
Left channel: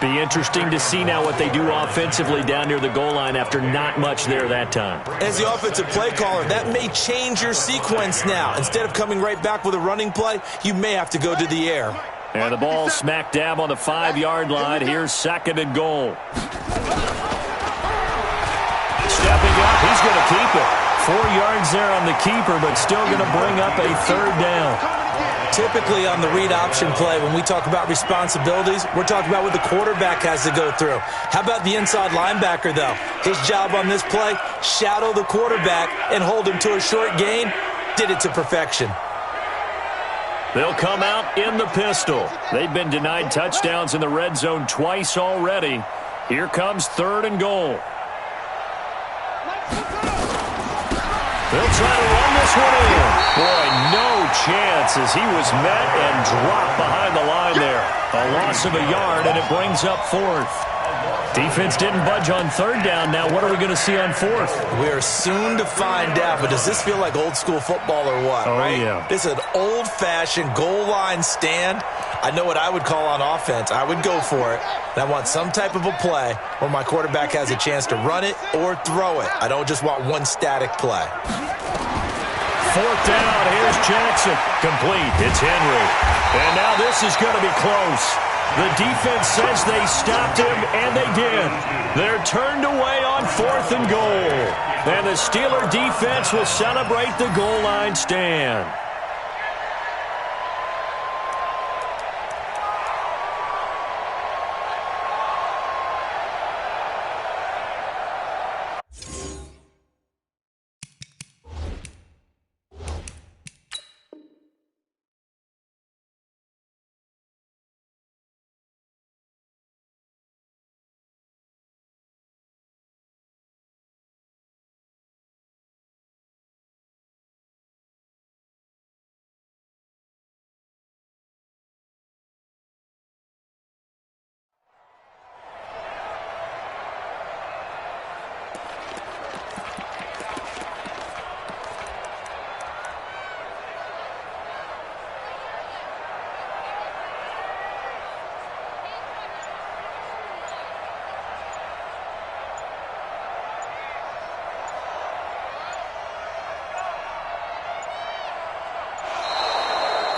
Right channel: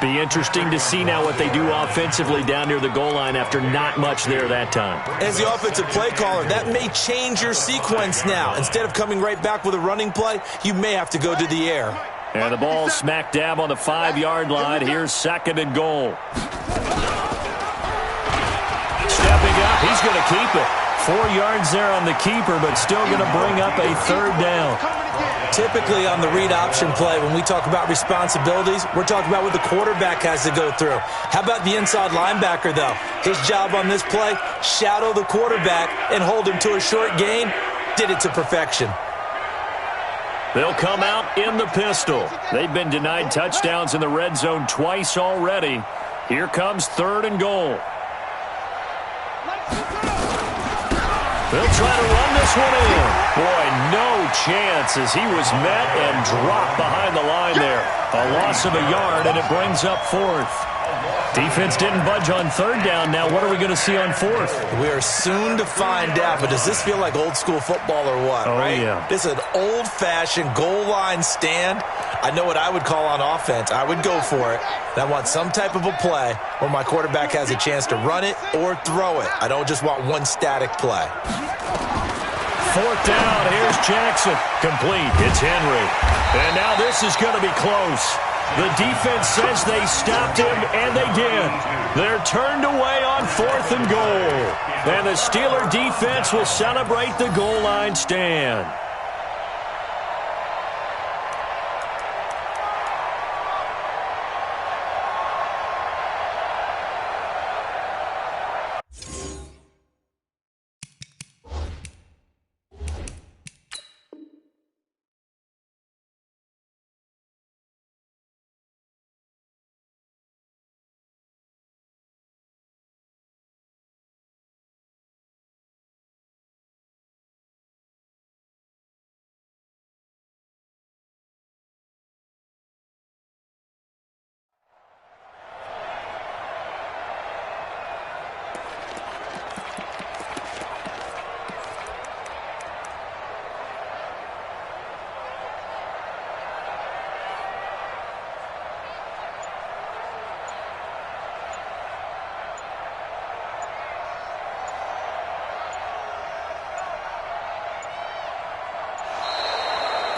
Be interesting to see now what they do offensively down near the goal line after not much there that time. As the offensive play caller, that may change your sequence now. Instead of coming right back with a running play, you may have to go to the air. And the ball smack dab on the 5-yard line. Here's 2nd and goal. Stepping up, he's going to keep it. 4 yards there on the keeper, but still going to bring up a 3rd down. typically on the read option play, when we talk about responsibilities, we're talking about what the quarterback has to go through. How about the inside linebacker, though? His job on this play, shadow the quarterback and hold him to a short gain. Did it to perfection. They'll come out in the pistol. They've been denied touchdowns in the red zone twice already. Here comes 3rd and goal. They'll try to run this one in. Boy, no chance as he was met and dropped behind the line there. A loss of a yard, and it brings up 4th. Defense didn't budge on 3rd down. Now what are we going to see on 4th? We are soon to find out, but does this feel like old school football or what? Oh, right? Yeah. This is an old-fashioned goal line stand. I know what I would call on offense. I would go for it. And I want some type of a play where my quarterback has a chance to run it or throw it. I don't just want one static play. 4th down. Here's Jackson. Complete. It's Henry. And now this is going to be close. The defense says they stopped him, and they did. They're turned away on 4th and goal. And the Steeler defense will celebrate the goal line stand.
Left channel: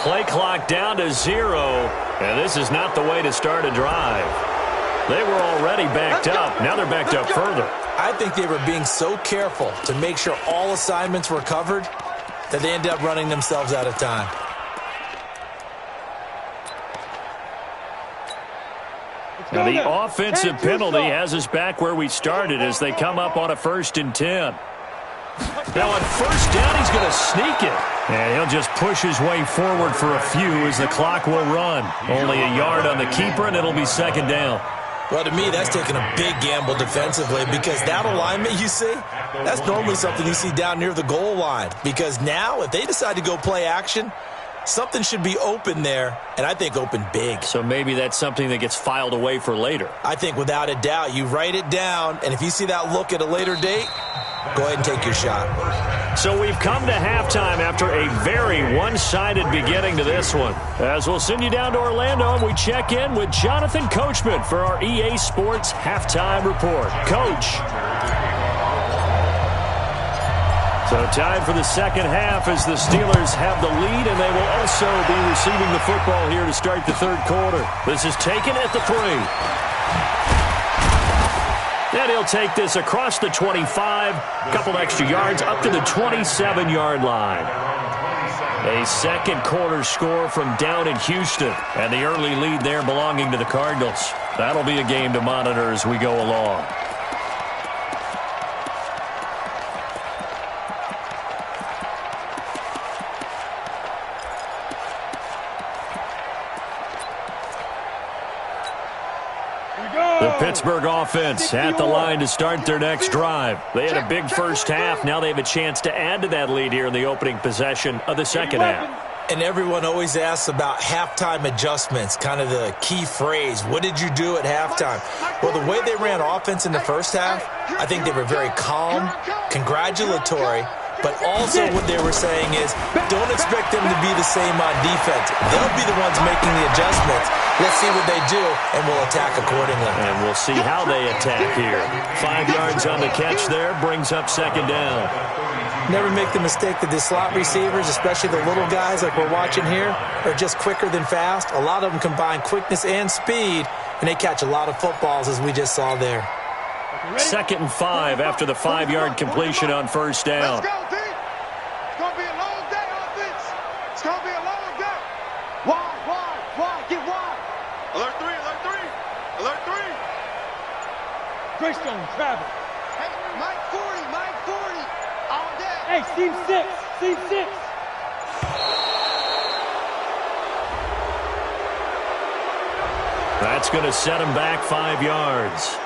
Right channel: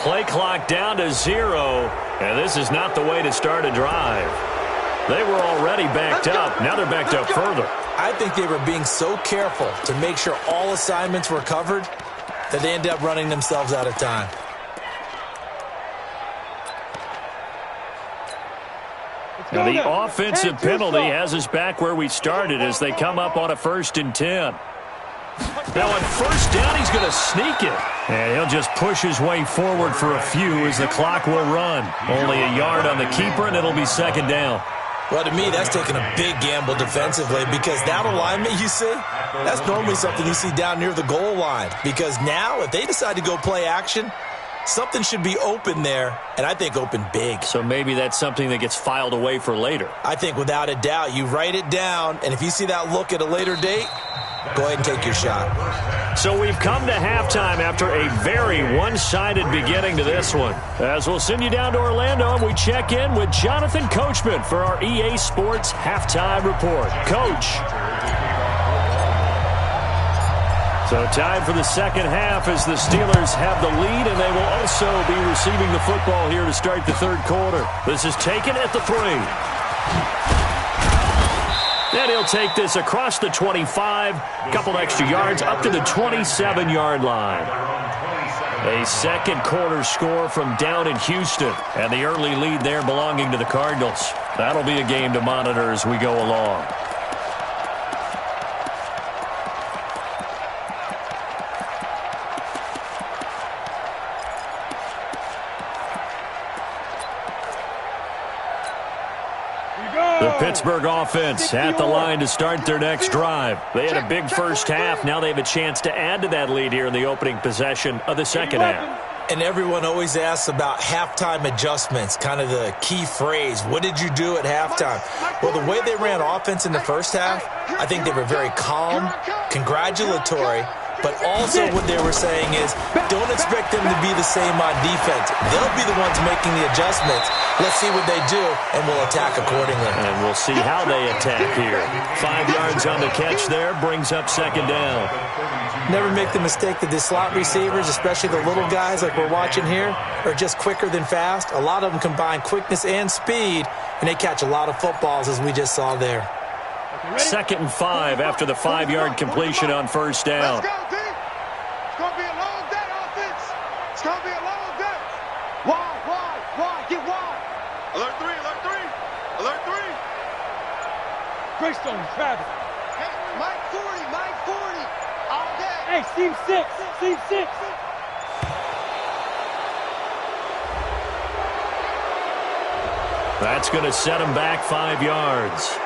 Play clock down to 0, and this is not the way to start a drive. They were already backed up. Now they're backed up further. I think they were being so careful to make sure all assignments were covered that they ended up running themselves out of time. Now the offensive penalty has us back where we started as they come up on a 1st and 10. Now on 1st down, he's going to sneak it. And he'll just push his way forward for a few as the clock will run. Only a yard on the keeper, and it'll be 2nd down. Well, to me, that's taking a big gamble defensively because that alignment you see, that's normally something you see down near the goal line. Because now, if they decide to go play action, something should be open there, and I think open big. So maybe that's something that gets filed away for later. I think without a doubt, you write it down, and if you see that look at a later date, go ahead and take your shot. So we've come to halftime after a very one-sided beginning to this one. As we'll send you down to Orlando, and we check in with Jonathan Coachman for our EA Sports Halftime Report. Coach. So tied for the 2nd half as the Steelers have the lead, and they will also be receiving the football here to start the 3rd quarter. This is taken at the 3. And he'll take this across the 25, a couple extra yards up to the 27-yard line. A 2nd quarter score from down in Houston, and the early lead there belonging to the Cardinals. That'll be a game to monitor as we go along. The Pittsburgh offense at the line to start their next drive. They had a big first half. Now they have a chance to add to that lead here in the opening possession of the 2nd half. And everyone always asks about halftime adjustments, kind of the key phrase. What did you do at halftime? Well, the way they ran offense in the first half, I think they were very calm, congratulatory, but also what they were saying is don't expect them to be the same on defense. They'll be the ones making the adjustments. Let's see what they do, and we'll attack accordingly. And we'll see how they attack here. 5 yards on the catch there, brings up 2nd down. Never make the mistake that the slot receivers, especially the little guys like we're watching here, are just quicker than fast. A lot of them combine quickness and speed, and they catch a lot of footballs, as we just saw there. 2nd and 5 after the 5-yard completion on 1st down. Let's go, D. It's going to be a long day, offense. It's going to be a long day. Wide, get wide. Alert 3, alert 3, alert 3. Greystone, travel. Hey, Mike 40, all day. Hey, seam 6, seam 6. That's going to set him back 5 yards.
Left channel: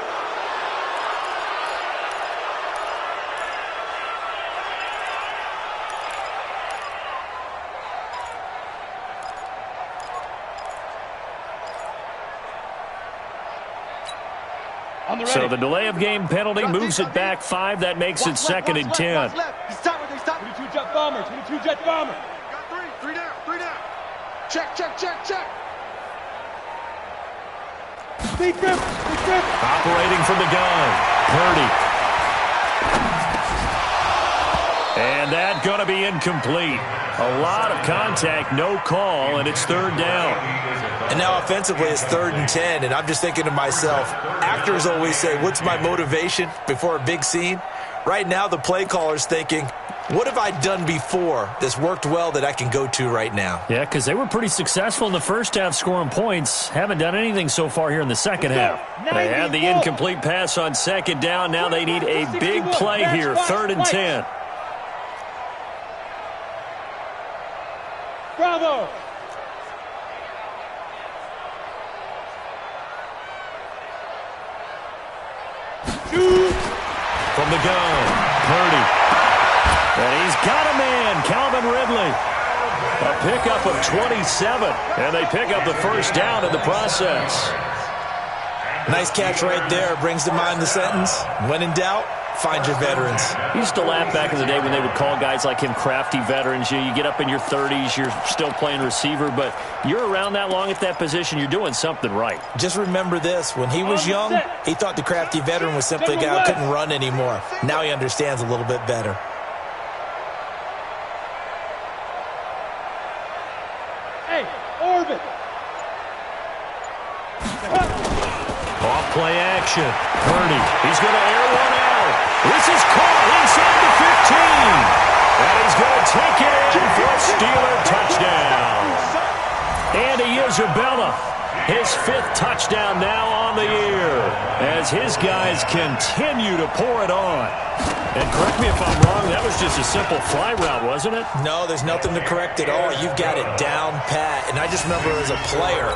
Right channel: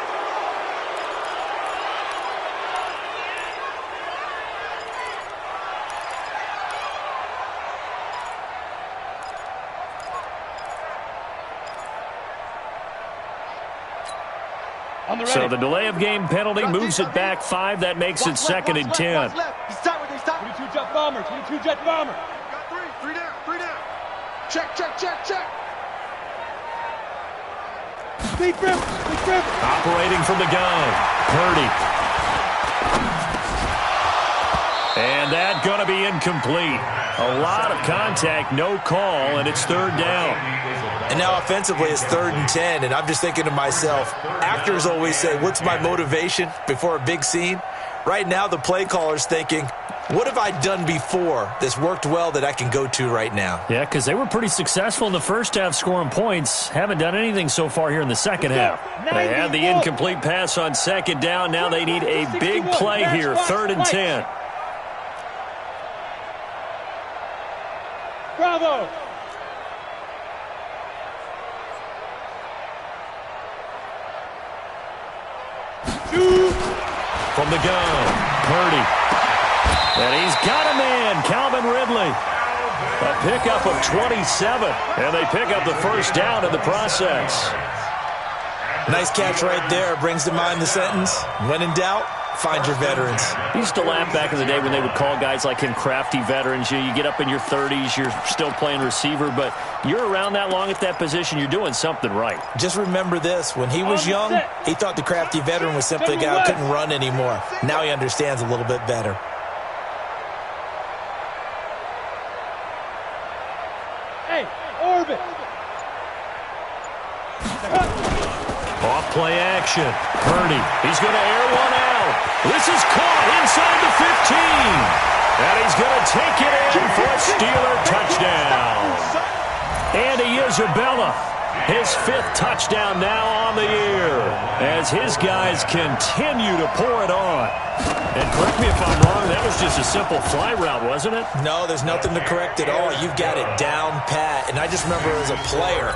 So the delay of game penalty moves it back 5. That makes it 2nd and 10. He's stop right there, stop. 22 jet bomber, 22 jet bomber. Got 3 down, 3 down. Check. Speed grip. Operating from the gun, Purdy. And that going to be incomplete. A lot of contact, no call, and it's 3rd down. And now offensively it's 3rd and 10, and I'm just thinking to myself, actors always say, what's my motivation before a big scene? Right now the play caller's thinking, what have I done before that's worked well that I can go to right now? Yeah, because they were pretty successful in the first half scoring points. Haven't done anything so far here in the second half. They had the incomplete pass on 2nd down. Now they need a big play here, 3rd and 10. Bravo. Shoot. From the gun, Purdy. And he's got a man, Calvin Ridley. A pickup of 27, and they pick up the 1st down in the process. Nice catch right there. Brings to mind the sentence, when in doubt, find your veterans. He used to laugh back in the day when they would call guys like him crafty veterans. You get up in your 30s, you're still playing receiver, but you're around that long at that position, you're doing something right. Just remember this. When he was young, he thought the crafty veteran was simply a guy who couldn't run anymore. Now he understands a little bit better. Hey, orbit. Off play action. Purdy. He's going to air one out. This is caught inside the 15. And he's going to take it in for a Steeler touchdown. Andy Isabella, his 5th touchdown now on the year as his guys continue to pour it on. And correct me if I'm wrong, that was just a simple fly route, wasn't it? No, there's nothing to correct at all. You've got it down pat. And I just remember as a player,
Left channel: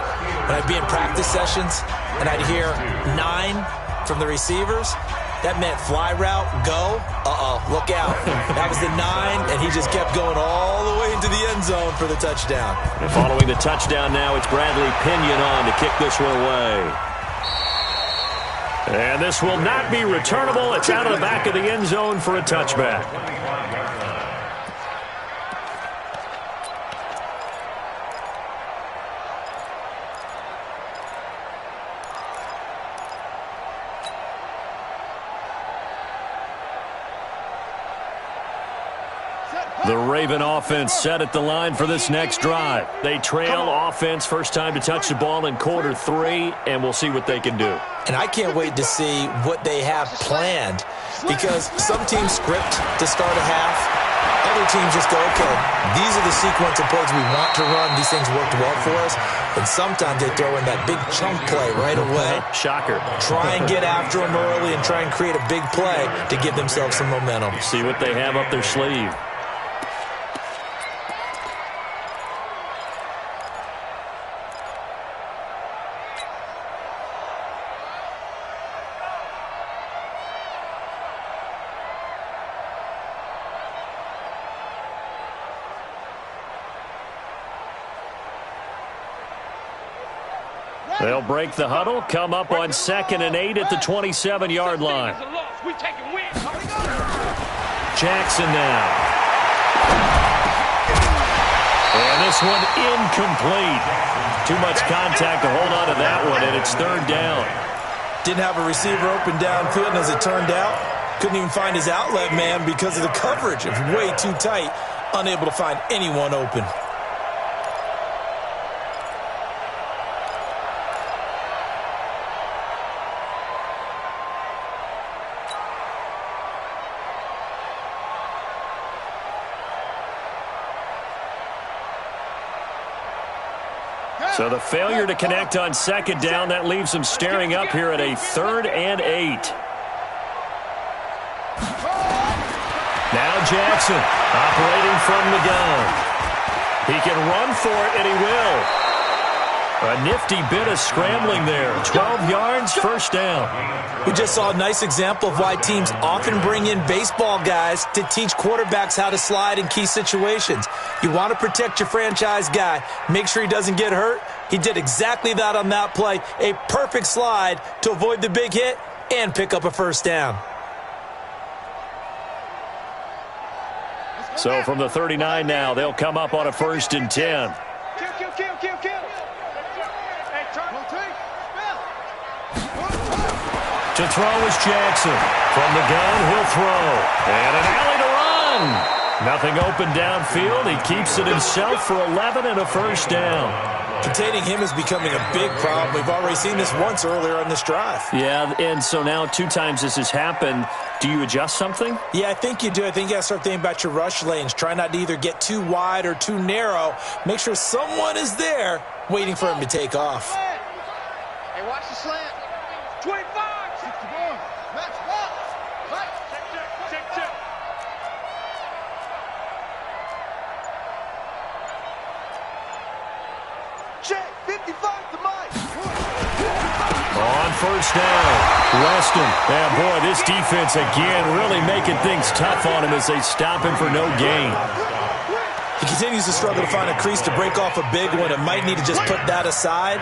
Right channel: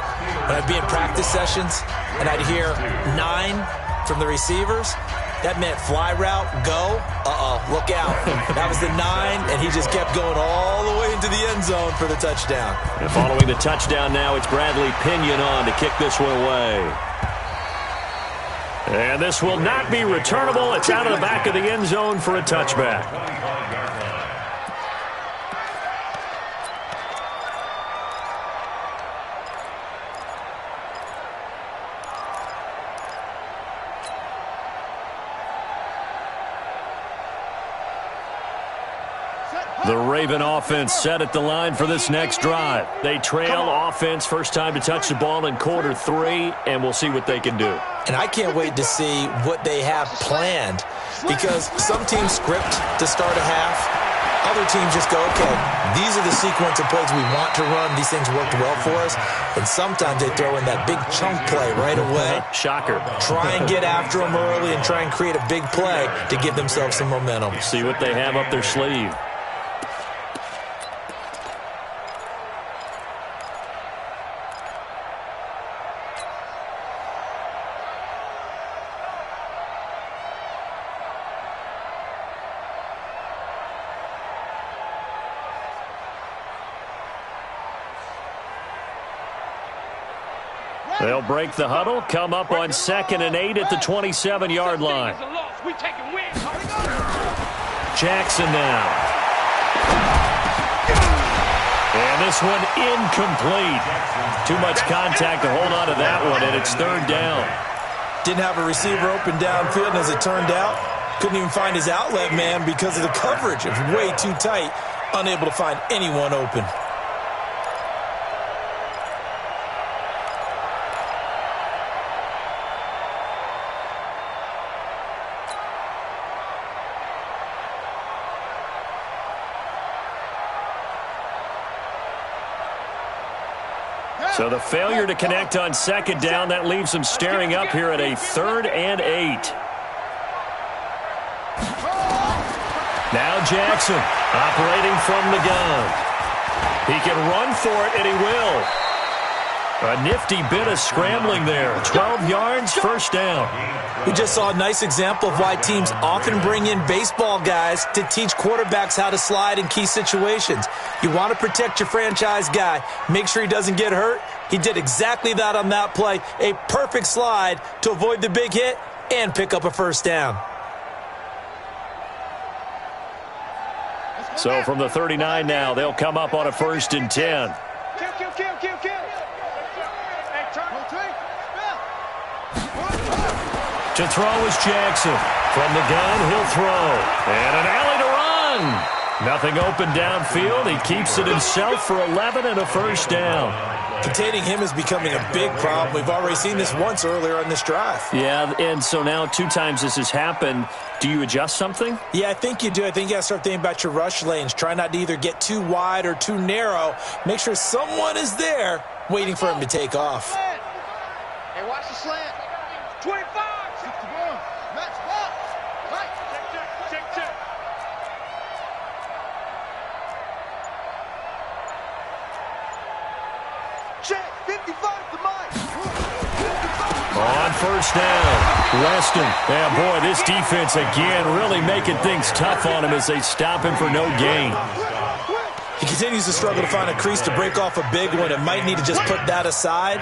when I'd be in practice sessions and I'd hear 9 from the receivers, that meant fly route, go, look out. That was the 9, and he just kept going all the way into the end zone for the touchdown. And following the touchdown now, it's Bradley Pinion on to kick this one away. And this will not be returnable. It's out of the back of the end zone for a touchback. The Raven offense set at the line for this next drive. They trail offense first time to touch the ball in quarter 3, and we'll see what they can do. And I can't wait to see what they have planned, because some teams script to start a half. Other teams just go, okay, these are the sequence of plays we want to run. These things worked well for us. And sometimes they throw in that big chunk play right away. Shocker. Try and get after them early and try and create a big play to give themselves some momentum. See what they have up their sleeve. They'll break the huddle, come up on 2nd and 8 at the 27-yard line. Jackson now. And this one incomplete. Too much contact to hold on to that one, and it's 3rd down. Didn't have a receiver open downfield, and as it turned out, couldn't even find his outlet man because of the coverage. It was way too tight, unable to find anyone open. So the failure to connect on second down, that leaves them staring up here at a 3rd and 8. Now Jackson operating from the gun. He can run for it, and he will. A nifty bit of scrambling there. 12 yards, first down. We just saw a nice example of why teams often bring in baseball guys to teach quarterbacks how to slide in key situations. You want to protect your franchise guy. Make sure he doesn't get hurt. He did exactly that on that play. A perfect slide to avoid the big hit and pick up a first down. So from the 39 now, they'll come up on a 1st and 10. Kill. Hey, turn. To throw is Jackson. From the gun, he'll throw. And an alley to run. Nothing open downfield. He keeps it himself for 11 and a first down. Containing him is becoming a big problem. We've already seen this once earlier on this drive. Yeah, and so now 2 times this has happened. Do you adjust something? Yeah, I think you do. I think you got to start thinking about your rush lanes. Try not to either get too wide or too narrow. Make sure someone is there waiting for him to take off. Hey, watch the slant. 25. 61. Max box. Right. Check. Check. 55 to Mike. On first down, Weston. Yeah, boy, this defense again really making things tough on him as they stop him for no gain. He continues to struggle to find a crease to break off a big one and might need to just put that aside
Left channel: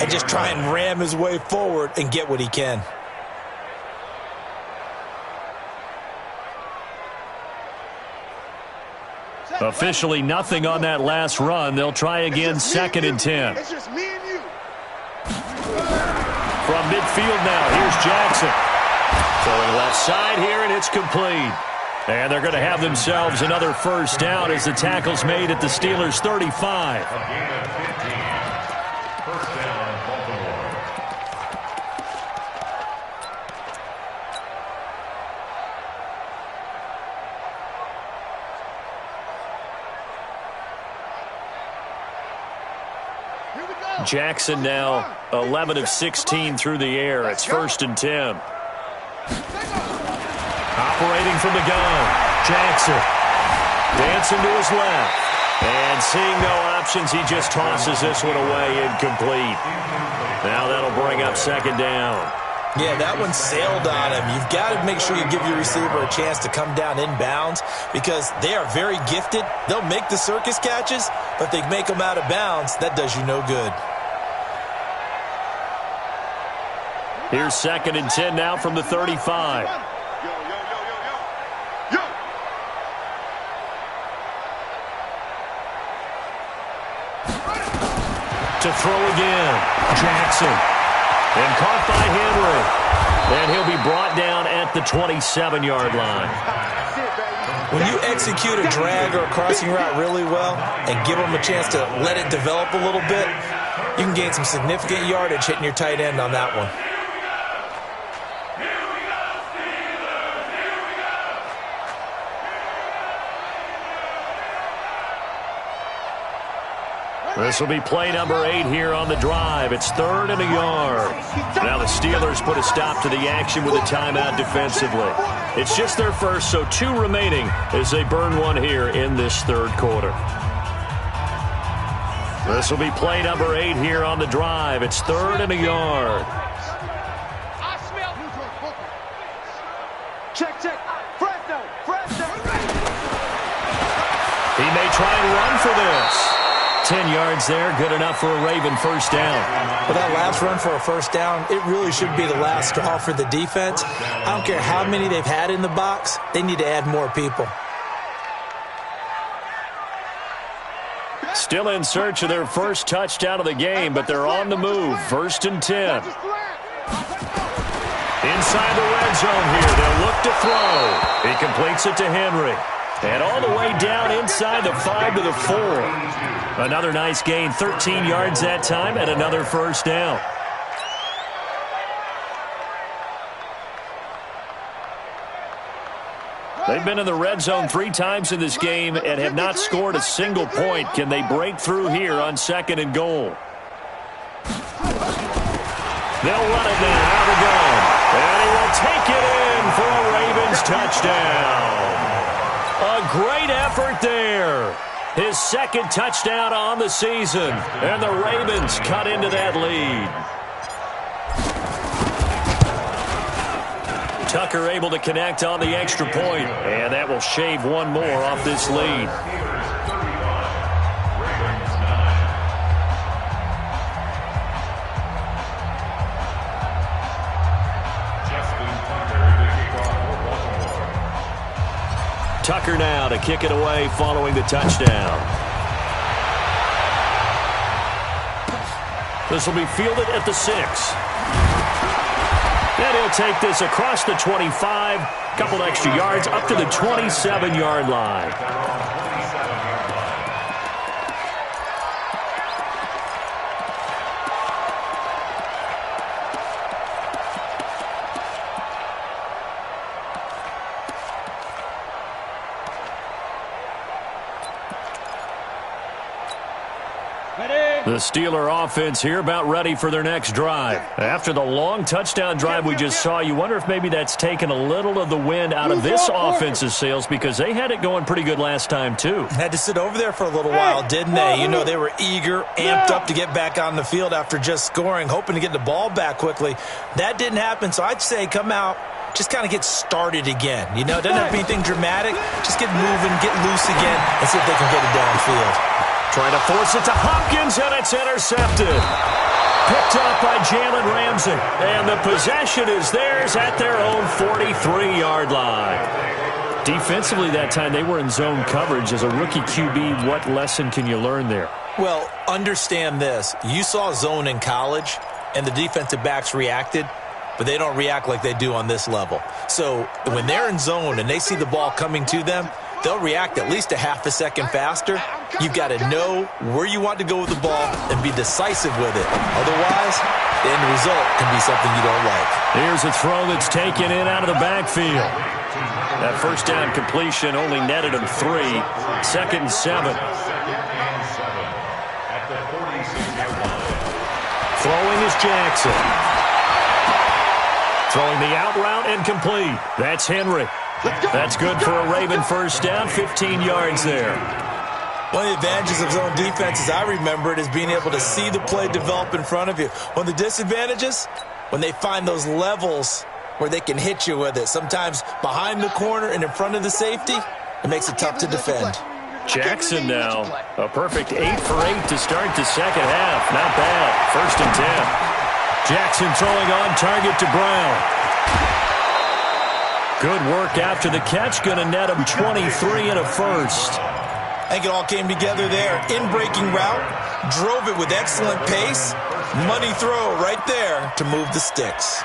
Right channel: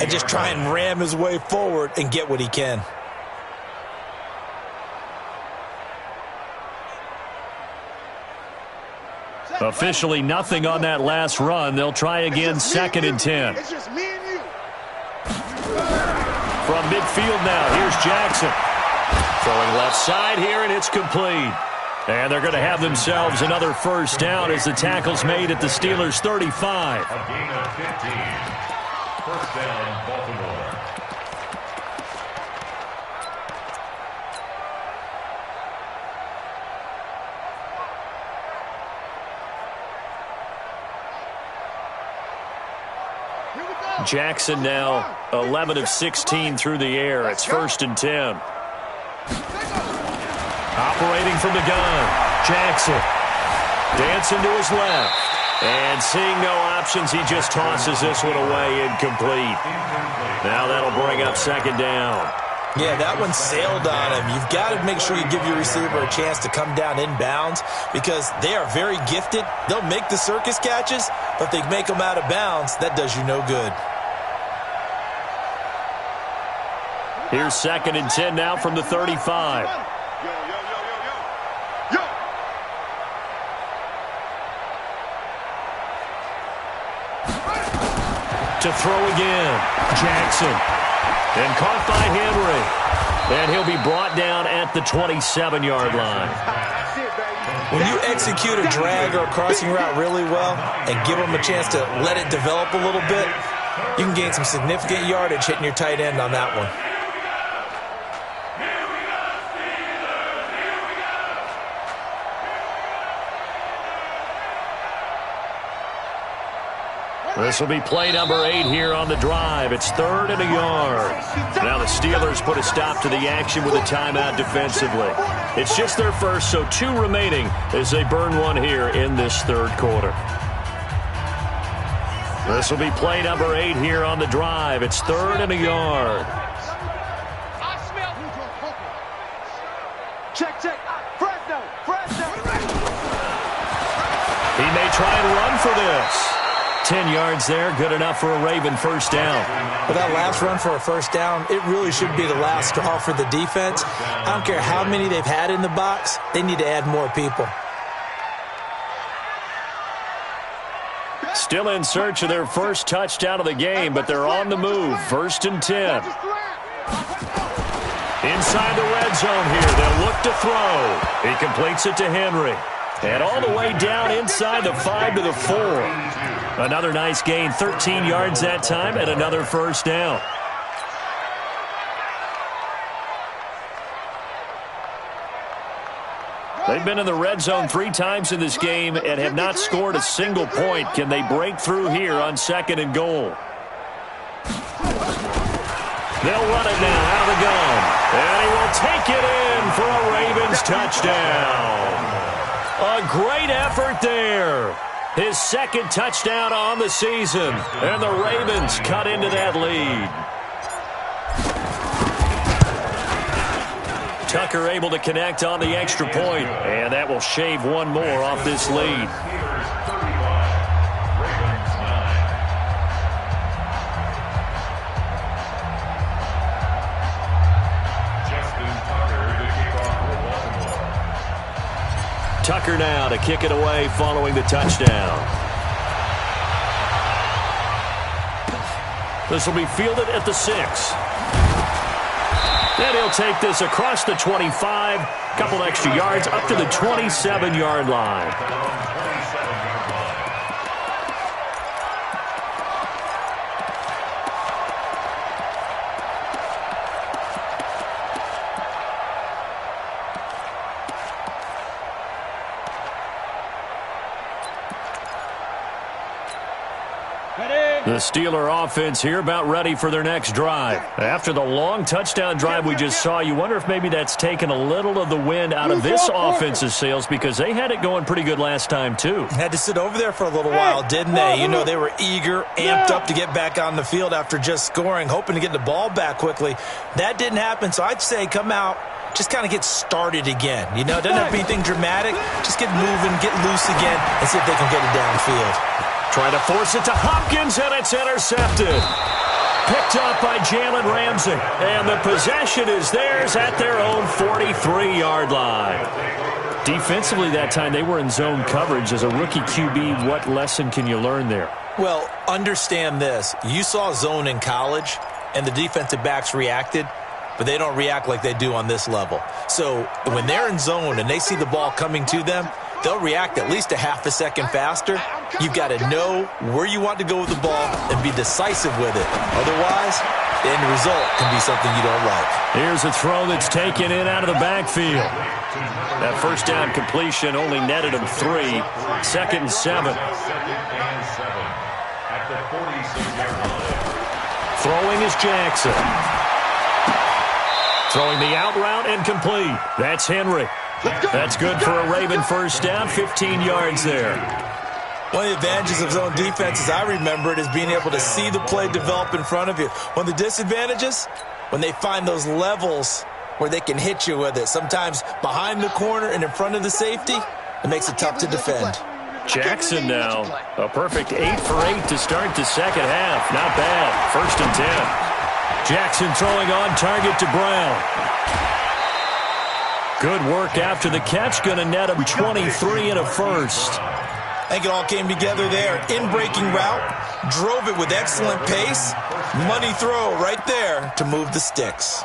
and just try and ram his way forward and get what he can. Officially nothing on that last run. They'll try again, 2nd and 10. It's just me and you. From midfield now, here's Jackson. Throwing left side here, and it's complete. And they're going to have themselves another first down as the tackle's made at the Steelers' 35. A gain of 15. First down, Baltimore. Here we go. Jackson now 11 of 16 through the air. It's 1st and 10. Operating from the gun, Jackson. Dancing to his left. And seeing no options, he just tosses this one away, incomplete. Now that'll bring up 2nd down. Yeah, that one sailed on him. You've got to make sure you give your receiver a chance to come down inbounds because they are very gifted. They'll make the circus catches, but if they make them out of bounds, that does you no good. Here's 2nd and 10 now from the 35. Yo. To throw again, Jackson. And caught by Henry. And he'll be brought down at the 27-yard line. That's it, baby. When you execute a drag or a crossing route really well and give them a chance to let it develop a little bit, you can gain some significant yardage hitting your tight end on that one. This will be play number 8 here on the drive. It's 3rd and a yard. Now the Steelers put a stop to the action with a timeout defensively. It's just their first, so 2 remaining as they burn one here in this 3rd quarter. This will be play number 8 here on the drive. It's 3rd and a yard. I smell. Check. Fresno. He may try and run for this. 10 yards there, good enough for a Raven first down. Well, that last run for a first down, it really should be the last straw for the defense. I don't care how many they've had in the box. They need to add more people. Still in search of their first touchdown of the game, but they're on the move. 1st and 10. Inside the red zone here, they'll look to throw. He completes it to Henry. And all the way down inside the 5 to the 4. Another nice gain, 13 yards that time, and another first down. They've been in the red zone 3 times in this game and have not scored a single point. Can they break through here on 2nd and goal? They'll run it now out of the gun. And he will take it in for a Ravens touchdown. A great effort there. His second touchdown on the season. And the Ravens cut into that lead. Tucker able to connect on the extra point. And that will shave one more off this lead. Tucker now to kick it away following the touchdown. This will be fielded at the 6. And he'll take this across the 25, couple extra yards up to the 27-yard line. The Steeler offense here about ready for their next drive. After the long touchdown drive we just saw, you wonder if maybe that's taken a little of the wind out of this offense's sails because they had it going pretty good last time too. Had to sit over there for a little while, didn't they? You know, they were eager, amped up to get back on the field after just scoring, hoping to get the ball back quickly. That didn't happen, so I'd say come out, just kind of get started again. You know, it doesn't have to be anything dramatic. Just get moving, get loose again, and see if they can get it downfield. Trying to force it to Hopkins, and it's intercepted. Picked up by Jalen Ramsey. And the possession is theirs at their own 43-yard line. Defensively that time, they were in zone coverage. As a rookie QB, what lesson can you learn there? Well, understand this. You saw zone in college, and the defensive backs reacted, but they don't react like they do on this level. So when they're in zone and they see the ball coming to them, they'll react at least a half a second faster. You've got to know where you want to go with the ball and be decisive with it. Otherwise, the end result can be something you don't like. Here's a throw that's taken in out of the backfield. That first down completion only netted him 3. 2nd and 7. At the 46-yard line. Throwing is Jackson. Throwing the out route and complete. That's Henry. That's good for a Raven first down, 15 yards there. One of the advantages of zone defense, as I remember it, is being able to see the play develop in front of you. One of the disadvantages, when they find those levels where they can hit you with it, sometimes behind the corner and in front of the safety, it makes it tough to defend. Jackson now, a perfect 8 for 8 to start the second half. Not bad. 1st and 10. Jackson throwing on target to Brown. Good work after the catch. Going to net him 23 and a first. I think it all came together there. In-breaking route, drove it with excellent pace. Money throw right there to move the sticks.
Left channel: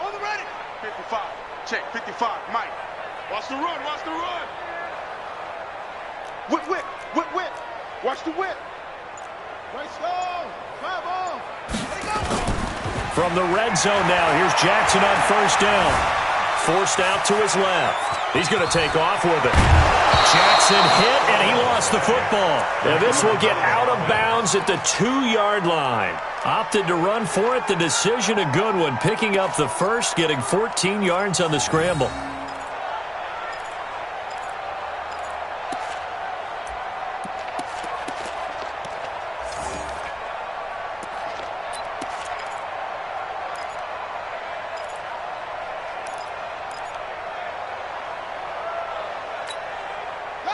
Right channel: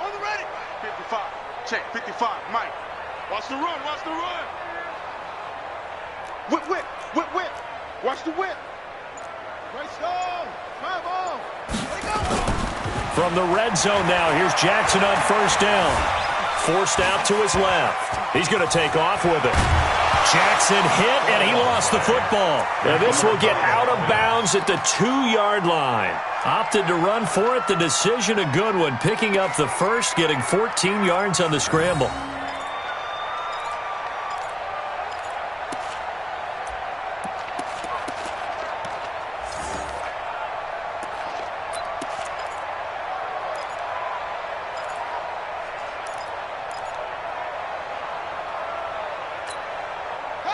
On the ready. 55. Check. 55. Mike. Watch the run. Watch the run. Whip, whip. Whip, whip. Watch the whip. Great stone. Travel. Let it go. From the red zone now, here's Jackson on first down. Forced out to his left. He's going to take off with it. Jackson hit, and he lost the football. And this will get out of bounds at the 2-yard line. Opted to run for it. The decision a good one. Picking up the first, getting 14 yards on the scramble.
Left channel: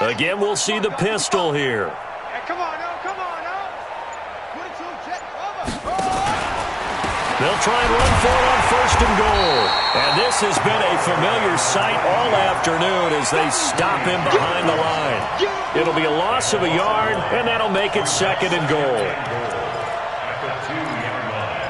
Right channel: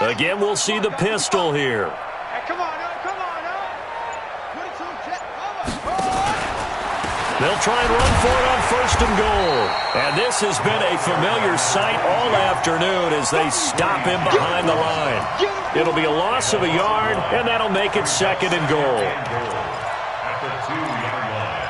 Again, we'll see the pistol here. Hey, come on, no. Come on, no. 22, check. They'll try and run for it on 1st and goal. And this has been a familiar sight all afternoon as they stop him behind the line. It'll be a loss of a yard, and that'll make it 2nd and goal. At the 2-yard line.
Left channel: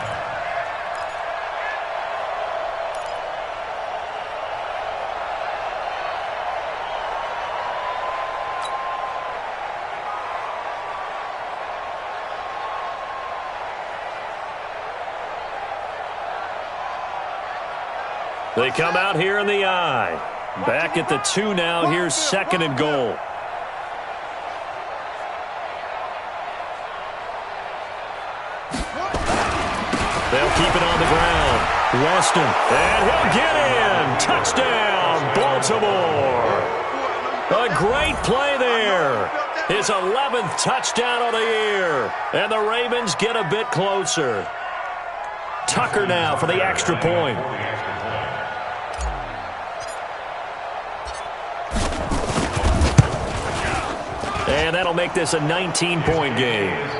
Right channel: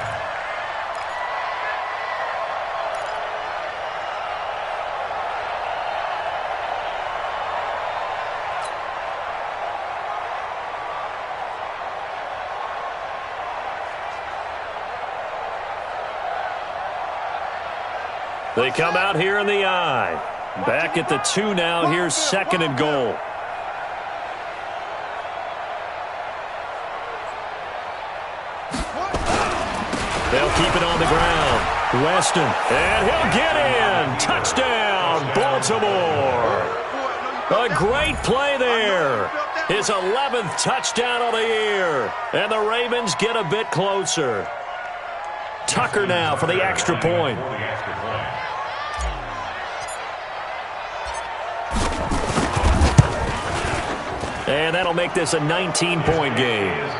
They come out here in the I. Back at the 2 now. Here's 2nd and goal. They'll keep it on the ground. Weston, and he'll get in. Touchdown, Baltimore. A great play there. His 11th touchdown of the year. And the Ravens get a bit closer. Tucker now for the extra point. And that'll make this a 19-point game. Makes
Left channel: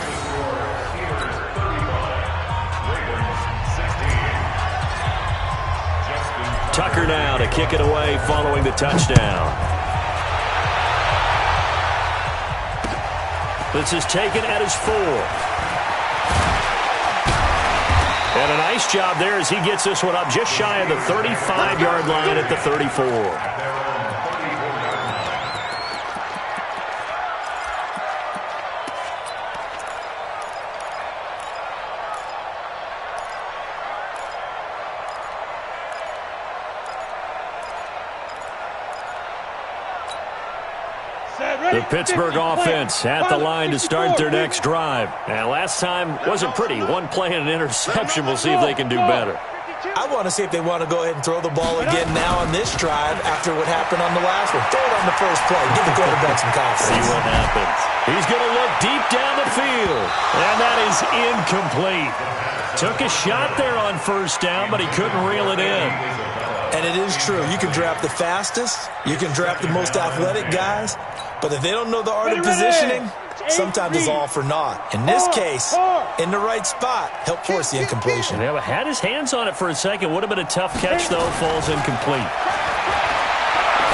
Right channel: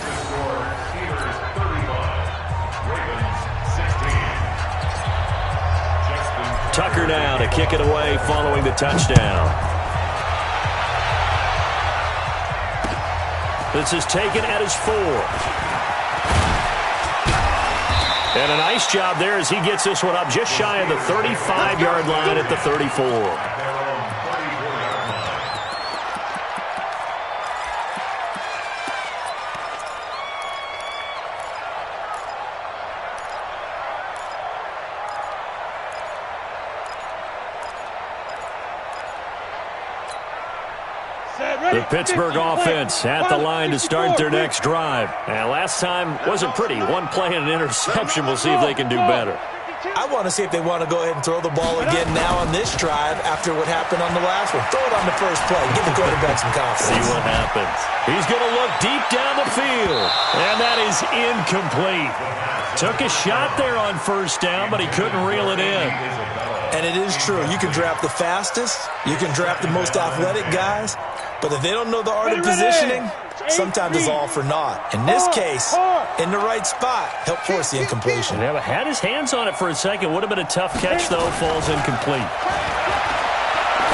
the score Steelers 35, Ravens 16. Tucker now to kick it away following the touchdown. This is taken at his 4. And a nice job there as he gets this one up just shy of the 35-yard line at the 34. The Pittsburgh offense at the line to start their next drive. And last time wasn't pretty. One play and an interception. We'll see if they can do better. I want to see if they want to go ahead and throw the ball again now on this drive after what happened on the last one. Throw it on the first play. Give the quarterback some confidence. See what happens. He's going to look deep down the field. And that is incomplete. Took a shot there on first down, but he couldn't reel it in. And it is true. You can draft the fastest. You can draft the most athletic guys. But if they don't know the art of positioning, sometimes it's all for naught. In this case, in the right spot, help force the incompletion. Yeah, had his hands on it for a second. Would have been a tough catch, though. Falls incomplete.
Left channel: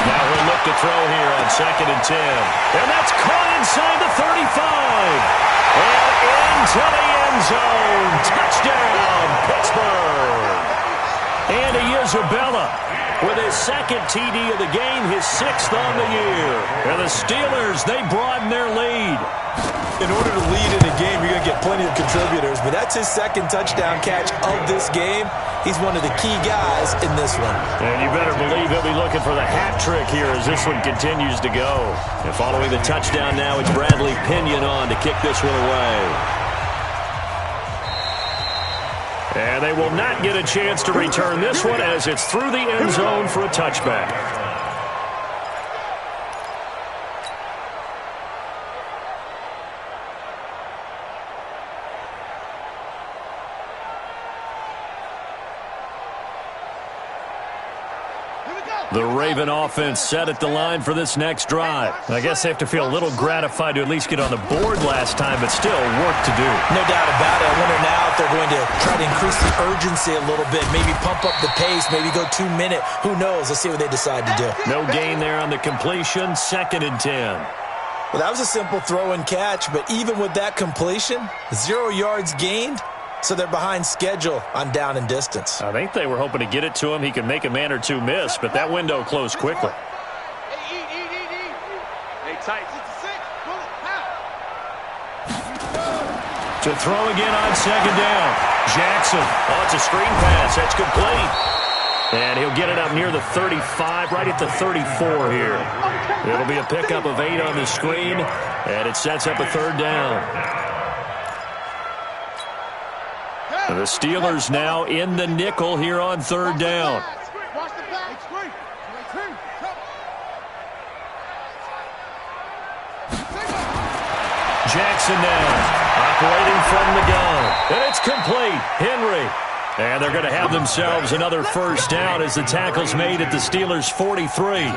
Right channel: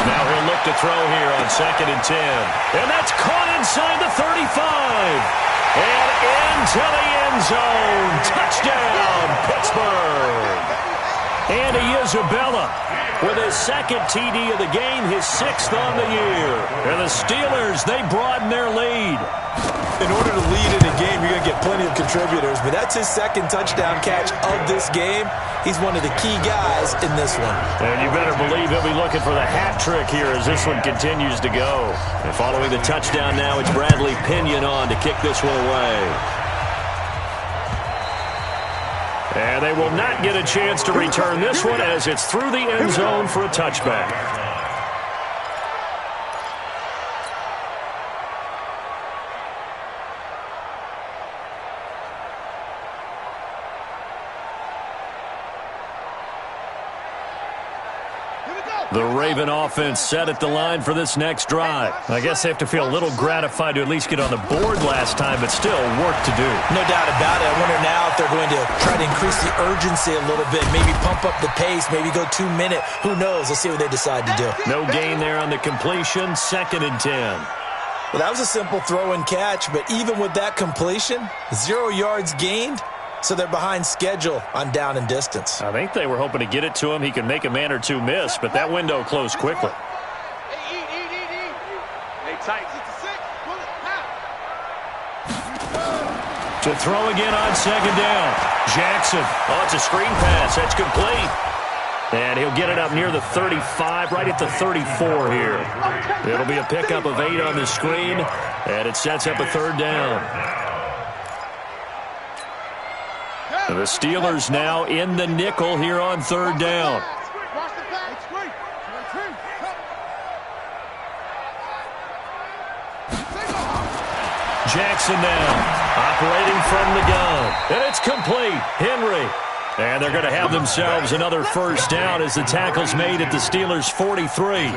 Now he'll look to throw here on 2nd and 10. And that's caught inside the 35. And into the end zone. Touchdown, Pittsburgh. Andy Isabella with his 2nd TD of the game, his 6th on the year. And the Steelers, they broaden their lead. In order to lead in a game, you're going to get plenty of contributors, but that's his 2nd touchdown catch of this game. He's one of the key guys in this one. And you better believe he'll be looking for the hat trick here as this one continues to go. And following the touchdown now, it's Bradley Pinion on to kick this one away. And they will not get a chance to return this one as it's through the end zone for a touchback. The Raven offense set at the line for this next drive. I guess they have to feel a little gratified to at least get on the board last time, but still work to do. No doubt about it. I wonder now if they're going to try to increase the urgency a little bit, maybe pump up the pace, maybe go 2-minute. Who knows? Let's see what they decide to do. No gain there on the completion, 2nd and 10. Well, that was a simple throw and catch, but even with that completion, 0 yards gained. So they're behind schedule on down and distance. I think they were hoping to get it to him. He could make a man or two miss, but that window closed quickly. Hey, tight. To throw again on 2nd down. Jackson. Oh, it's a screen pass. That's complete. And he'll get it up near the 35, right at the 34 here. It'll be a pickup of 8 on the screen, and it sets up a 3rd down. The Steelers now in the nickel here on 3rd down. Jackson now operating from the gun. And it's complete. Henry. And they're going to have themselves another 1st down as the tackle's made at the Steelers' 43.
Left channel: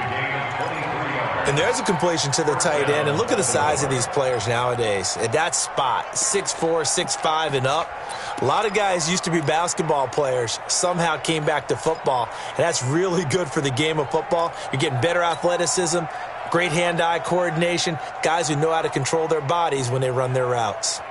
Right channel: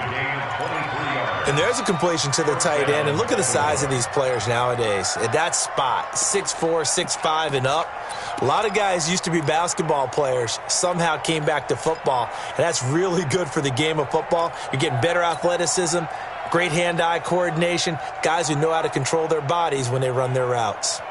And there's a completion to the tight end. And look at the size of these players nowadays. At that spot, 6'4", 6'5", and up. A lot of guys used to be basketball players, somehow came back to football. And that's really good for the game of football. You're getting better athleticism, great hand-eye coordination, guys who know how to control their bodies when they run their routes.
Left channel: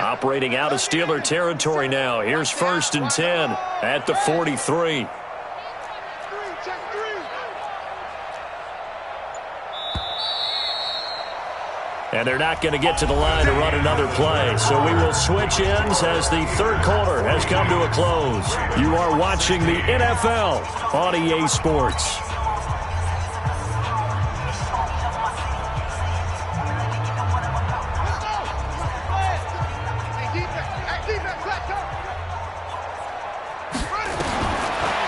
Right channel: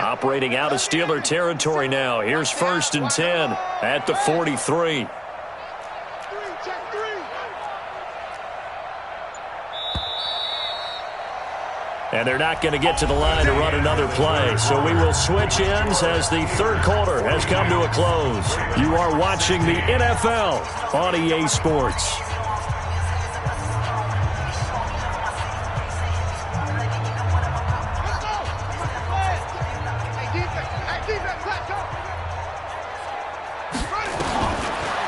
Operating out of Steeler territory now. Here's 1st and 10 at the 43. and they're not going to get to the line to run another play. So we will switch ends as the third quarter has come to a close. You are watching the NFL on EA Sports.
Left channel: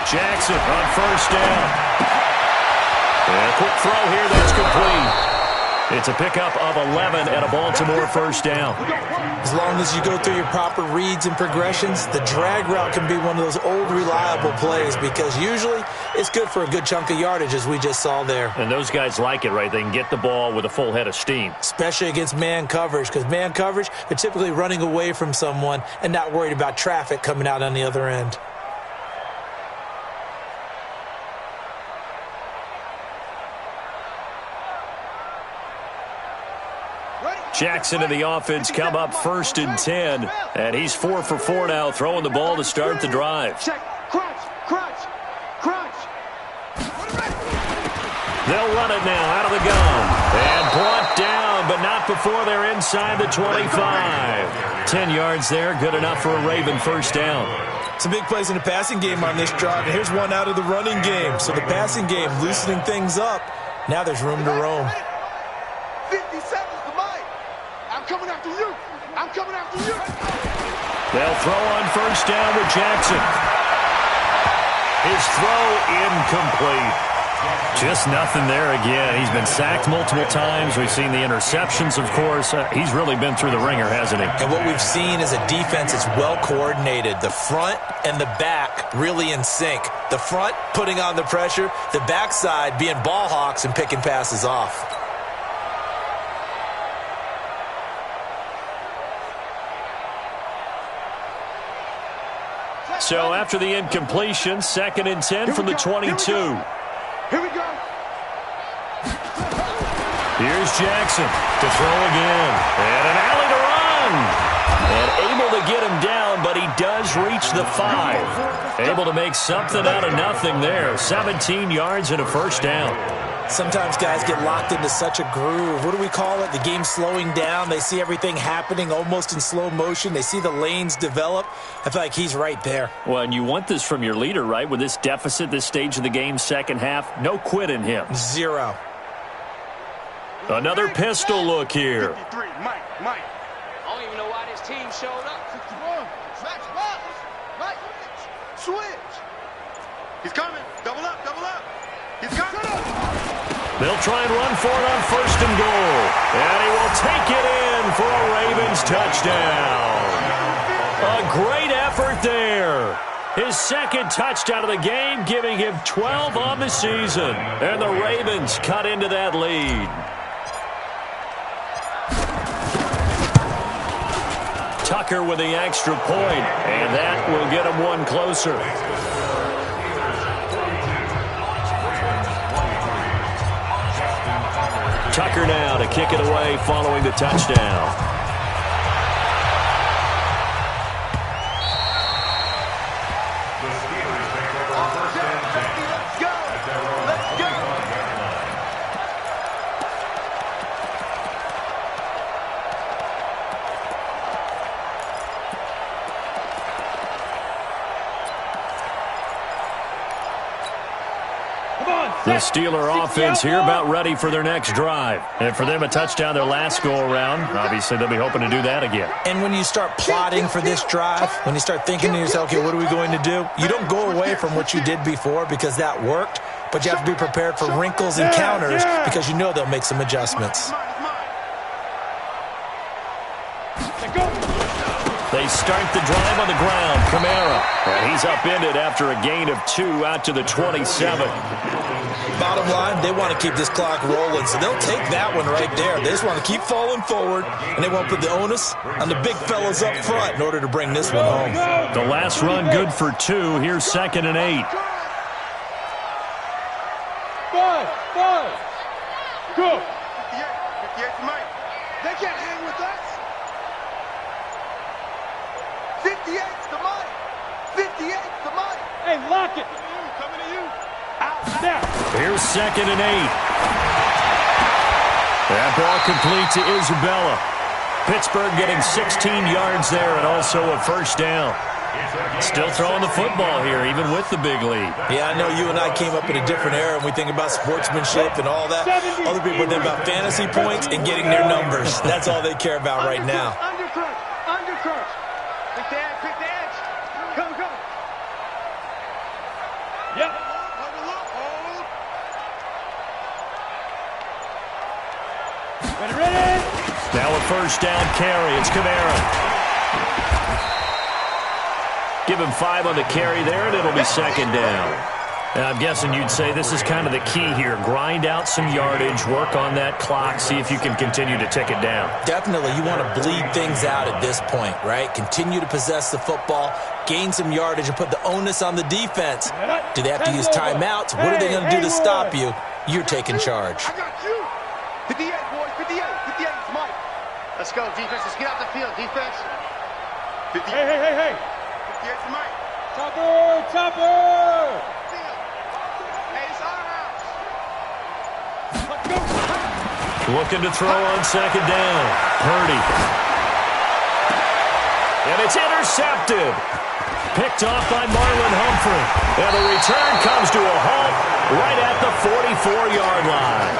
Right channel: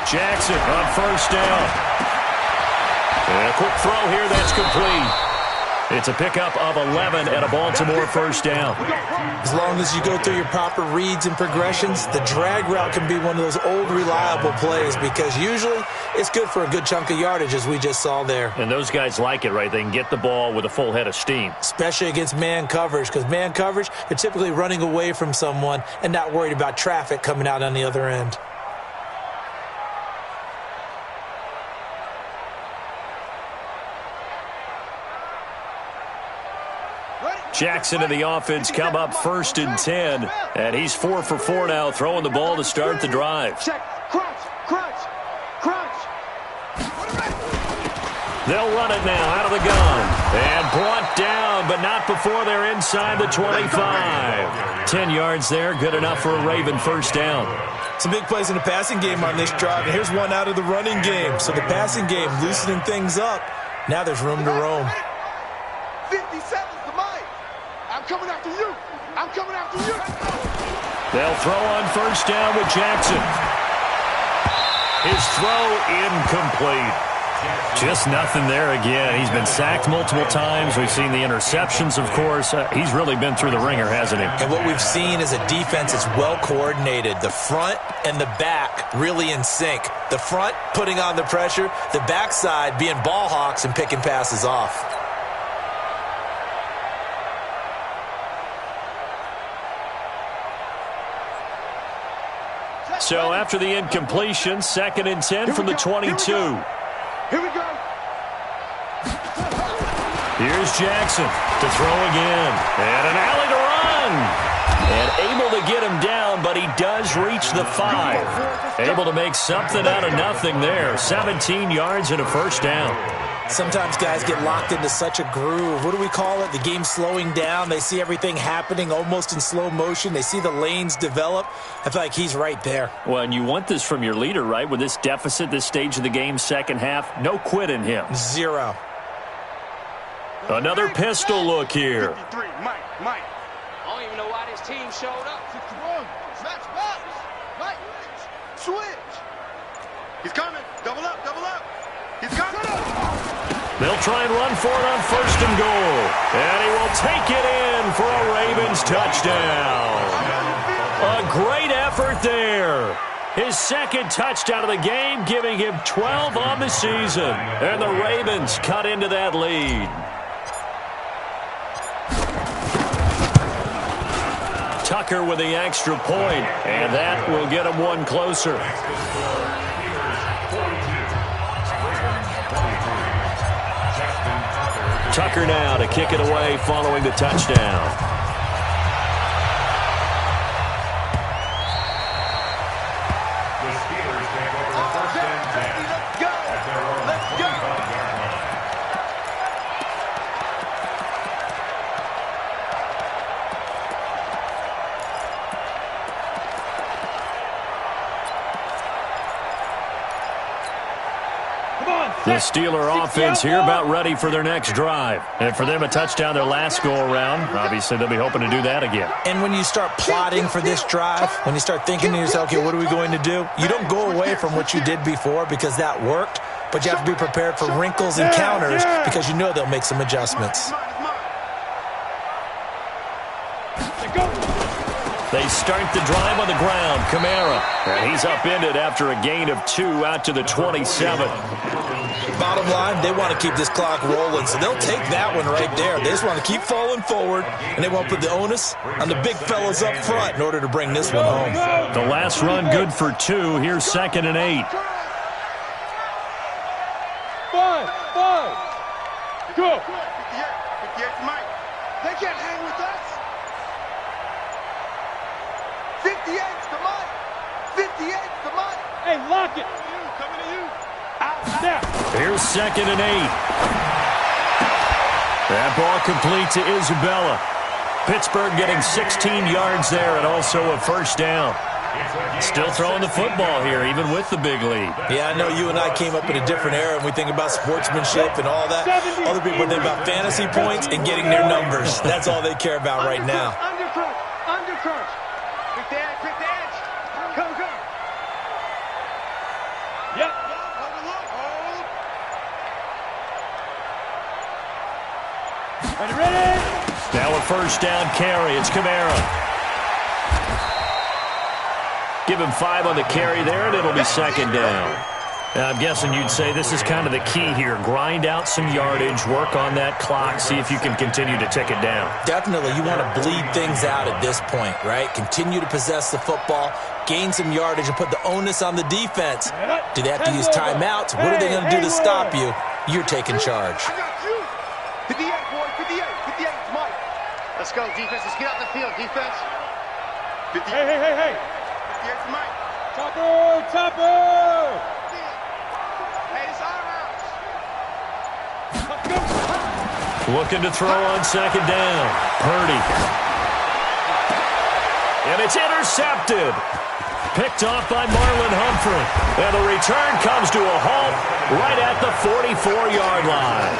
Jackson on first down. And a quick throw here that's complete. It's a pickup of 11 and a Baltimore first down. As long as you go through your proper reads and progressions, the drag route can be one of those old reliable plays because usually it's good for a good chunk of yardage as we just saw there. And those guys like it, right? They can get the ball with a full head of steam. Especially against man coverage because man coverage, they're typically running away from someone and not worried about traffic coming out on the other end. Jackson and the offense come up 1st and 10, and he's 4 for 4 now, throwing the ball to start the drive. Check, crunch, crunch, crunch. They'll run it now out of the gun, and brought down, but not before they're inside the 25. 10 yards there, good enough for a Raven first down. Some big plays in the passing game on this drive, and here's one out of the running game. So the passing game loosening things up. Now there's room to roam. 50 seconds to mine. I'm coming after you. I'm coming after you. They'll throw on first down with Jackson. His throw incomplete. Just nothing there again. He's been sacked multiple times. We've seen the interceptions, of course. He's really been through the ringer, hasn't he? And what we've seen is a defense that's well coordinated. The front and the back really in sync. The front putting on the pressure. The backside being ball hawks and picking passes off. So after the incompletion, 2nd and 10 from the 22. Here we go. Here's Jackson to throw again. And an alley to run. And able to get him down, but he does reach the 5. Able to make something out of nothing there. 17 yards and a first down. Sometimes guys get locked into such a groove. What do we call it? The game slowing down. They see everything happening almost in slow motion. They see the lanes develop. I feel like he's right there. Well, and you want this from your leader, right? With this deficit, this stage of the game, second half, no quit in him. 0. Another pistol look here. 53, Mike. I don't even know why this team showed up. 61, match box. Mike, switch. He's coming. Double up. He's coming. They'll try and run for it on 1st and goal. And he will take it in for a Ravens touchdown. A great effort there. His 2nd touchdown of the game, giving him 12 on the season. And the Ravens cut into that lead. Tucker with the extra point, and that will get him one closer. Tucker now to kick it away following the touchdown. The Steelers take over 1st and 10. Let's go. Let's go. The Steeler offense here about ready for their next drive. And for them, a touchdown their last go-around. Obviously, they'll be hoping to do that again. And when you start plotting for this drive, when you start thinking to yourself, okay, what are we going to do? You don't go away from what you did before because that worked, but you have to be prepared for wrinkles and counters because you know they'll make some adjustments. They start the drive on the ground. Kamara. And he's upended after a gain of 2 out to the 27. Bottom line, they want to keep this clock rolling, so they'll take that one right there. They just want to keep falling forward, and they want to put the onus on the big fellas up front in order to bring this one home. The last run good for 2. Here's 2nd and 8. 5, go. 58 to Mike. They can't hang with us. 58's the Mike. 58's the Mike. Hey, lock it. Coming to you. Now. Here's 2nd and 8. That ball complete to Isabella. Pittsburgh getting 16 yards there and also a first down. Still throwing the football here, even with the big lead. Yeah, I know you and I came up in a different era, and we think about sportsmanship and all that. Other people think about fantasy points and getting their numbers. That's all they care about right now. Undercrunch. Undercrunch. Pick the edge. Pick the edge. Come. Yep. Hold. Ready. Now a first down carry. It's Kamara. Give him 5 on the carry there, and it'll be second down. Now, I'm guessing you'd say this is kind of the key here. Grind out some yardage, work on that clock, see if you can continue to tick it down. Definitely. You want to bleed things out at this point, right? Continue to possess the football, gain some yardage, and put the onus on the defense. Do they have to use timeouts? What are they going to do to stop you? You're taking charge. I got you. 58, boys. 58. 58 is Mike. Let's go, defense. Let's get out the field, defense. 58. Hey. 58 is Mike. Chopper. Hey, it's our house. Let's go. Looking to throw on second down. Purdy. And it's intercepted. Picked off by Marlon Humphrey. And the return comes to a halt right at the 44-yard line.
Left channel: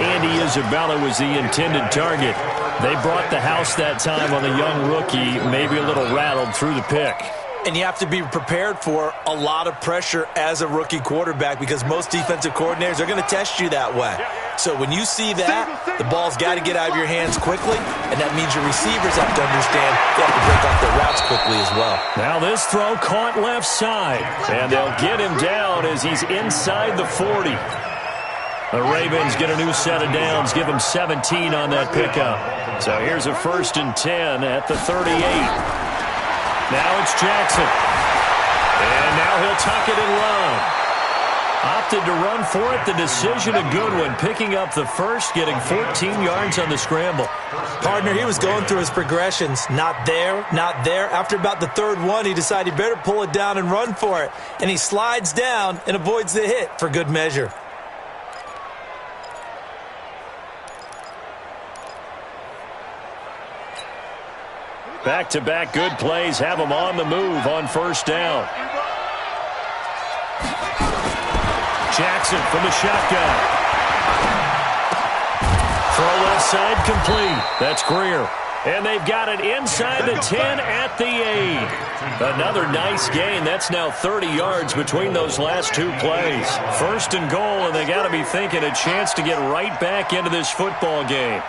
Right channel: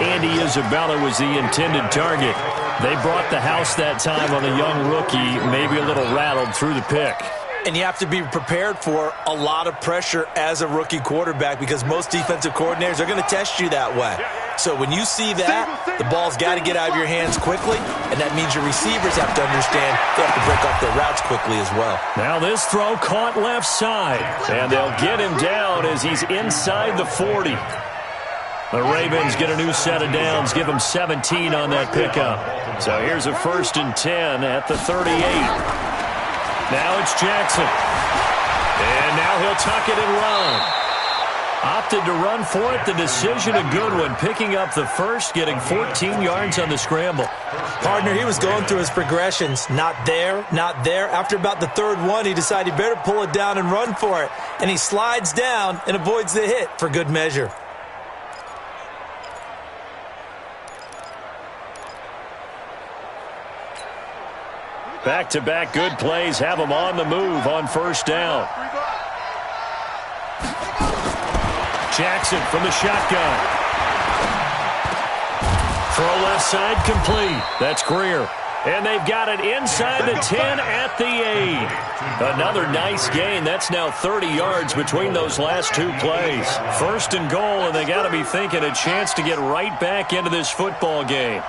Andy Isabella was the intended target. They brought the house that time on the young rookie, maybe a little rattled through the pick. And you have to be prepared for a lot of pressure as a rookie quarterback because most defensive coordinators are going to test you that way. So when you see that, the ball's got to get out of your hands quickly, and that means your receivers have to understand they have to break off their routes quickly as well. Now this throw caught left side, and they'll get him down as he's inside the 40. The Ravens get a new set of downs, give them 17 on that pickup. So here's a 1st and 10 at the 38. Now it's Jackson. And now he'll tuck it and run. Opted to run for it. The decision a good one. Picking up the first, getting 14 yards on the scramble. Partner, he was going through his progressions. Not there, not there. After about the third one, he decided he better pull it down and run for it. And he slides down and avoids the hit for good measure. Back-to-back good plays have him on the move on first down. Jackson from the shotgun. Throw left side complete. That's Greer. And they've got it inside the 10 at the 8. Another nice gain. That's now 30 yards between those last two plays. 1st and goal, and they got to be thinking a chance to get right back into this football game.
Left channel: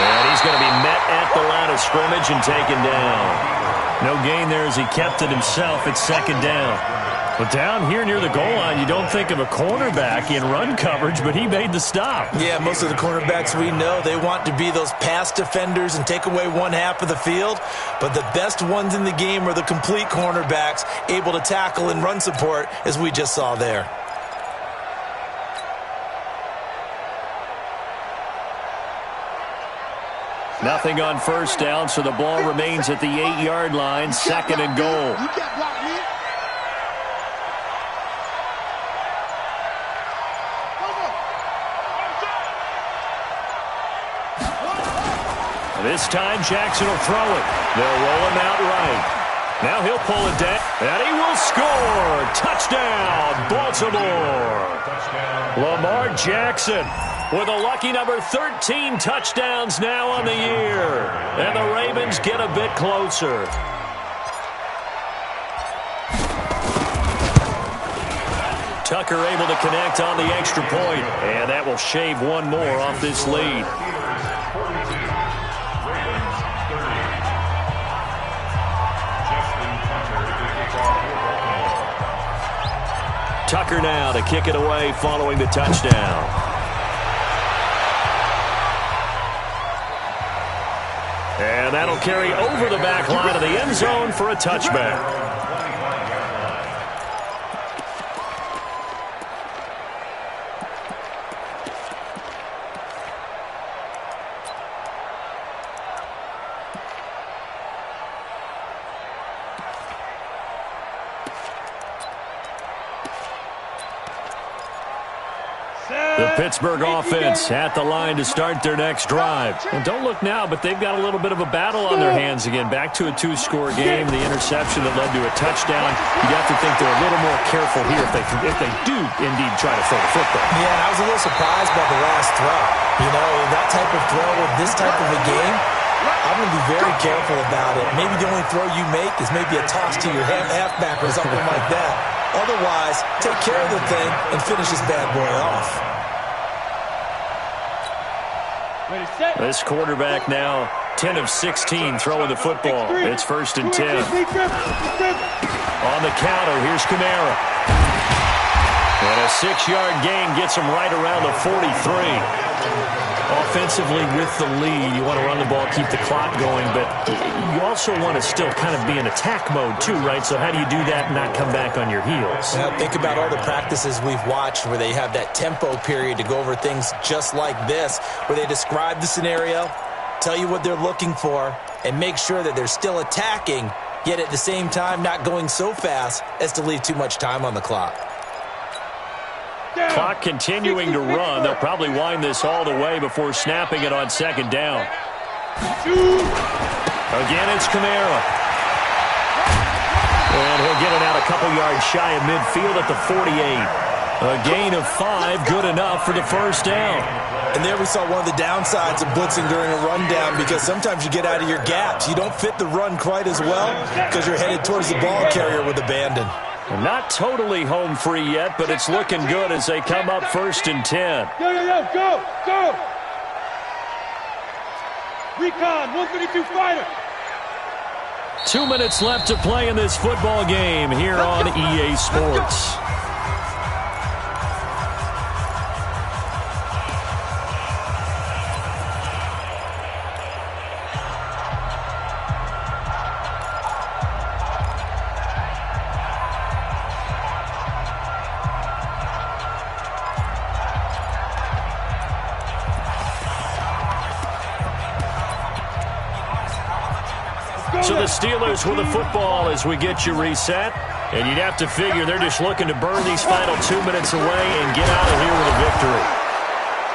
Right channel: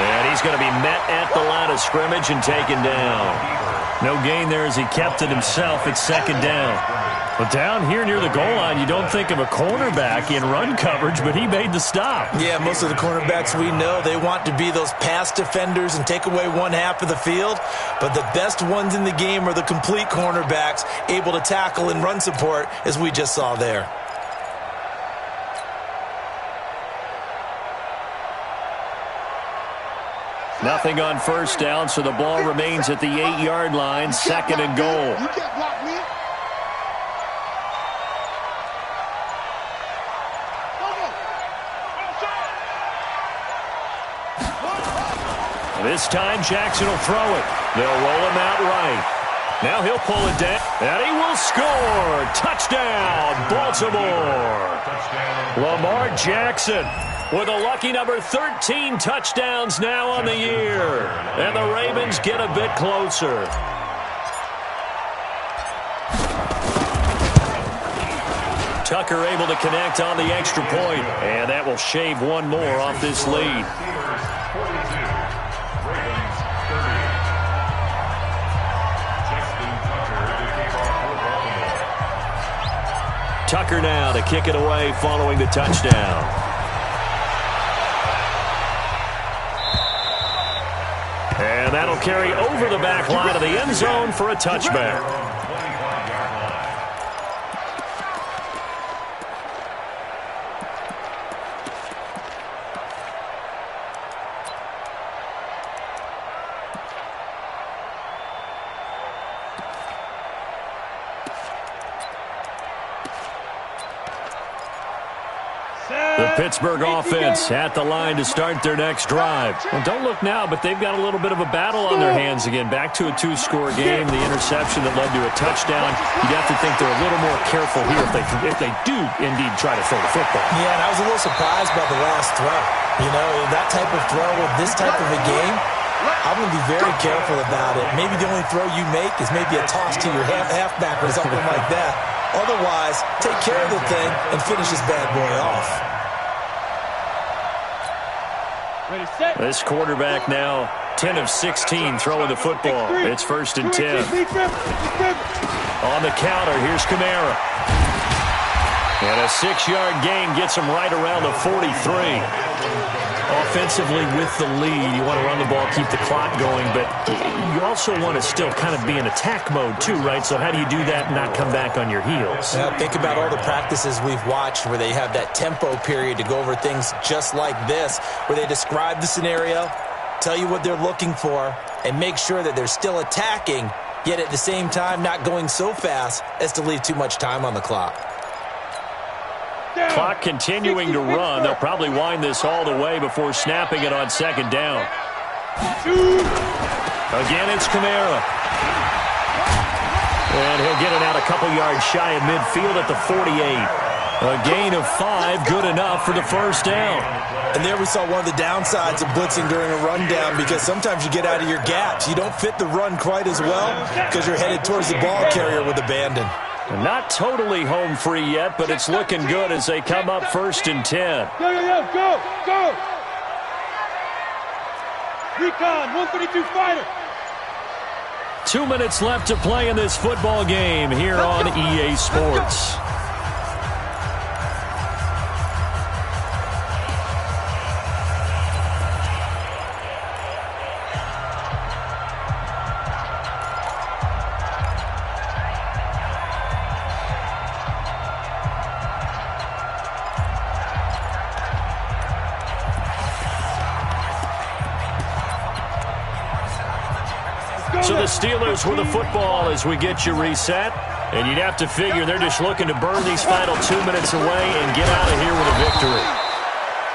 And he's going to be met at the line of scrimmage and taken down. No gain there as he kept it himself. It's second down. But down here near the goal line, you don't think of a cornerback in run coverage, but he made the stop. Yeah, most of the cornerbacks we know, they want to be those pass defenders and take away one half of the field. But the best ones in the game are the complete cornerbacks, able to tackle and run support, as we just saw there. Nothing on first down, so the ball remains at the 8-yard line, 2nd and goal. You can't block me. This time Jackson will throw it. They'll roll him out right. Now he'll pull it down, and he will score. Touchdown, Baltimore. Lamar Jackson with a lucky number 13 touchdowns now on the year. And the Ravens get a bit closer. Tucker able to connect on the extra point, and that will shave one more off this lead. Tucker now to kick it away following the touchdown. And that'll carry over the back line of the end zone for a touchback. The Pittsburgh offense at the line to start their next drive. Well, don't look now, but they've got a little bit of a battle on their hands again. Back to a two-score game. The interception that led to a touchdown. You'd have to think they're a little more careful here if they do indeed try to throw the football. Yeah, and I was a little surprised by the last throw. You know, that type of throw with this type of a game, I'm going to be very careful about it. Maybe the only throw you make is maybe a toss to your halfback or something like that. Otherwise, take care of the thing and finish this bad boy off. This quarterback now 10 of 16 throwing the football. It's 1st and 10. On the counter, here's Kamara. And a 6-yard gain gets him right around the 43. Offensively with the lead, you want to run the ball, keep the clock going, but you also want to still kind of be in attack mode too, right? So how do you do that and not come back on your heels? Now, think about all the practices we've watched where they have that tempo period to go over things just like this, where they describe the scenario, tell you what they're looking for, and make sure that they're still attacking, yet at the same time not going so fast as to leave too much time on the clock. Clock continuing to run. They'll probably wind this all the way before snapping it on 2nd down. Again, it's Kamara. And he'll get it out a couple yards shy of midfield at the 48. A gain of 5, good enough for the 1st down. And there we saw one of the downsides of blitzing during a rundown, because sometimes you get out of your gaps. You don't fit the run quite as well because you're headed towards the ball carrier with abandon. Not totally home free yet, but it's looking good as they come up 1st and 10. Go! Recon, 132 fighter. 2 minutes left to play in this football game here on EA Sports. So the Steelers with the football as we get you reset. And you'd have to figure they're just looking to burn these final 2 minutes away and get out of here with a victory.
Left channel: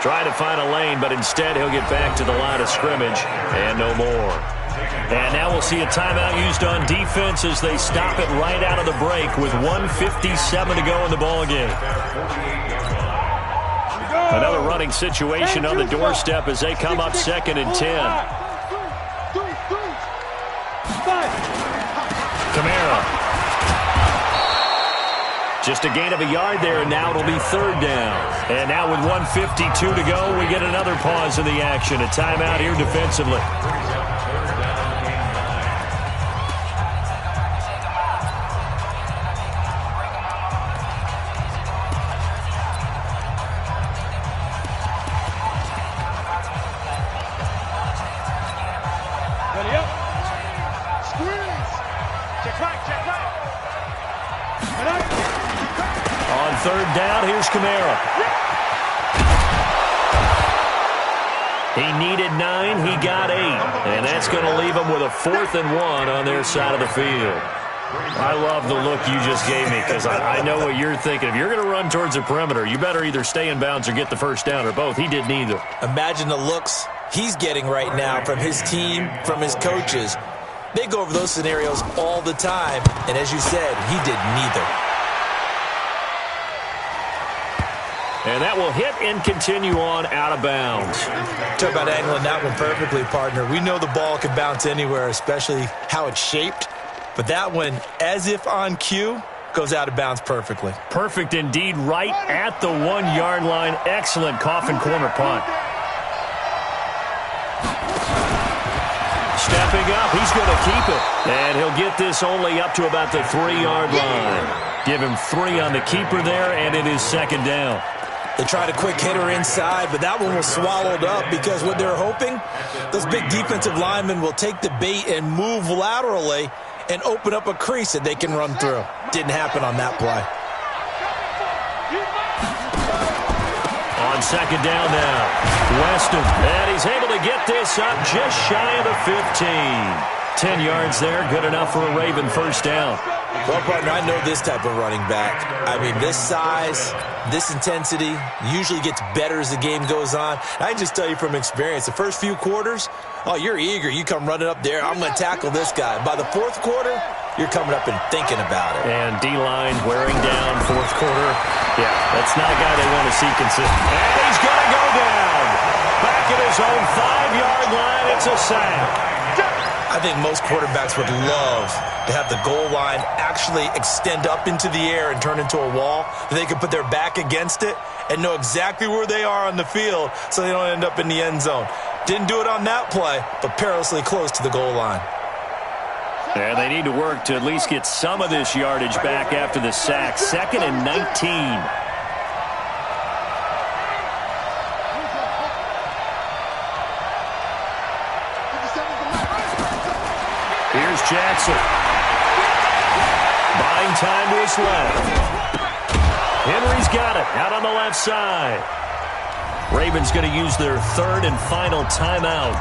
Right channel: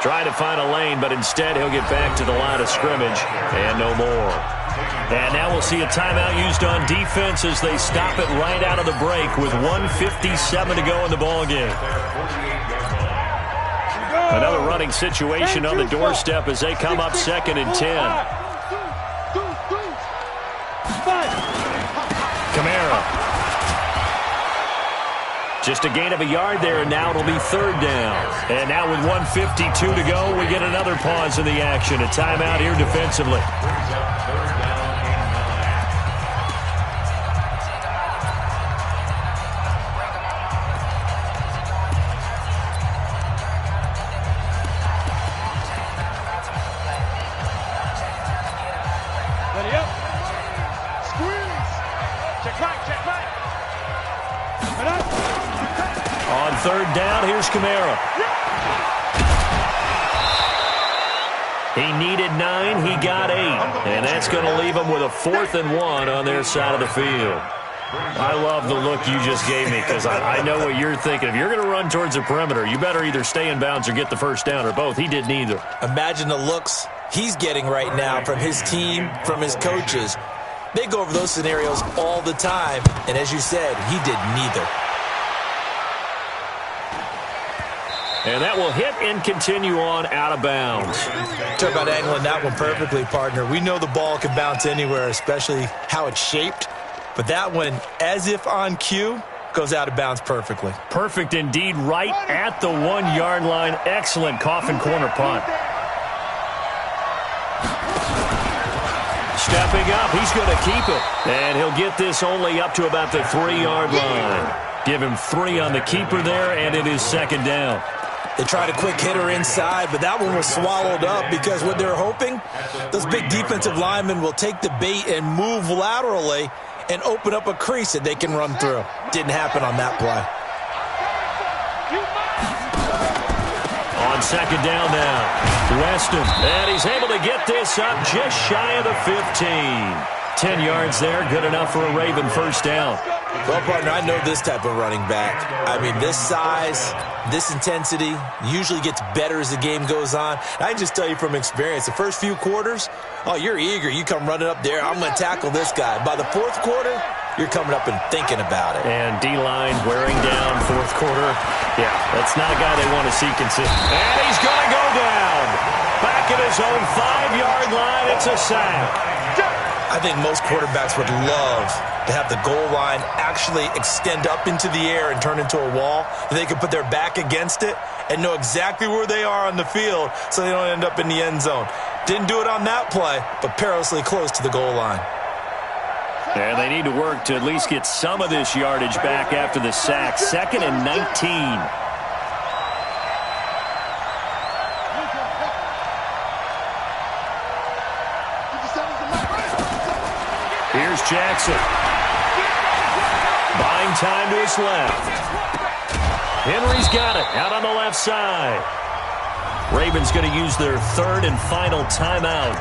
Try to find a lane, but instead he'll get back to the line of scrimmage and no more. And now we'll see a timeout used on defense as they stop it right out of the break with 1:57 to go in the ballgame. Another running situation on the doorstep as they come up 2nd and 10. Kamara. Just a gain of a yard there, and now it'll be 3rd down. And now with 1:52 to go, we get another pause in the action. A timeout here defensively. Ready up. Squeeze. Check right. On 3rd down, here's Kamara. He needed 9, he got 8. And that's going to leave him with a 4th and 1 on their side of the field. I love the look you just gave me, because I know what you're thinking. If you're going to run towards the perimeter, you better either stay in bounds or get the 1st down, or both. He did neither. Imagine the looks he's getting right now from his team, from his coaches. They go over those scenarios all the time, and as you said, he did neither. And that will hit and continue on out of bounds. Talk about angling that one perfectly, partner. We know the ball can bounce anywhere, especially how it's shaped. But that one, as if on cue, goes out of bounds perfectly. Perfect indeed, right at the 1-yard line. Excellent coffin corner punt. Stepping up, he's going to keep it. And he'll get this only up to about the 3-yard line. Give him 3 on the keeper there, and it is 2nd down. They tried a quick hitter inside, but that one was swallowed up because what they're hoping, those big defensive linemen will take the bait and move laterally and open up a crease that they can run through. Didn't happen on that play. On 2nd down now, Weston, and he's able to get this up just shy of the 15. 10 yards there, good enough for a Raven 1st down. Well, partner, I know this type of running back. I mean, this size, this intensity usually gets better as the game goes on. I can just tell you from experience, the first few quarters, oh, you're eager. You come running up there, I'm going to tackle this guy. By the fourth quarter, you're coming up and thinking about it. And D-line wearing down fourth quarter. Yeah, that's not a guy they want to see consistent. And he's going to go down. Back at his own 5-yard line, it's a sack. I think most quarterbacks would love to have the goal line actually extend up into the air and turn into a wall. They can put their back against it and know exactly where they are on the field so they don't end up in the end zone. Didn't do it on that play, but perilously close to the goal line. And they need to work to at least get some of this yardage back after the sack. 2nd and 19. Here's Jackson. Buying time to his left. Henry's got it out on the left side. Ravens going to use their 3rd and final timeout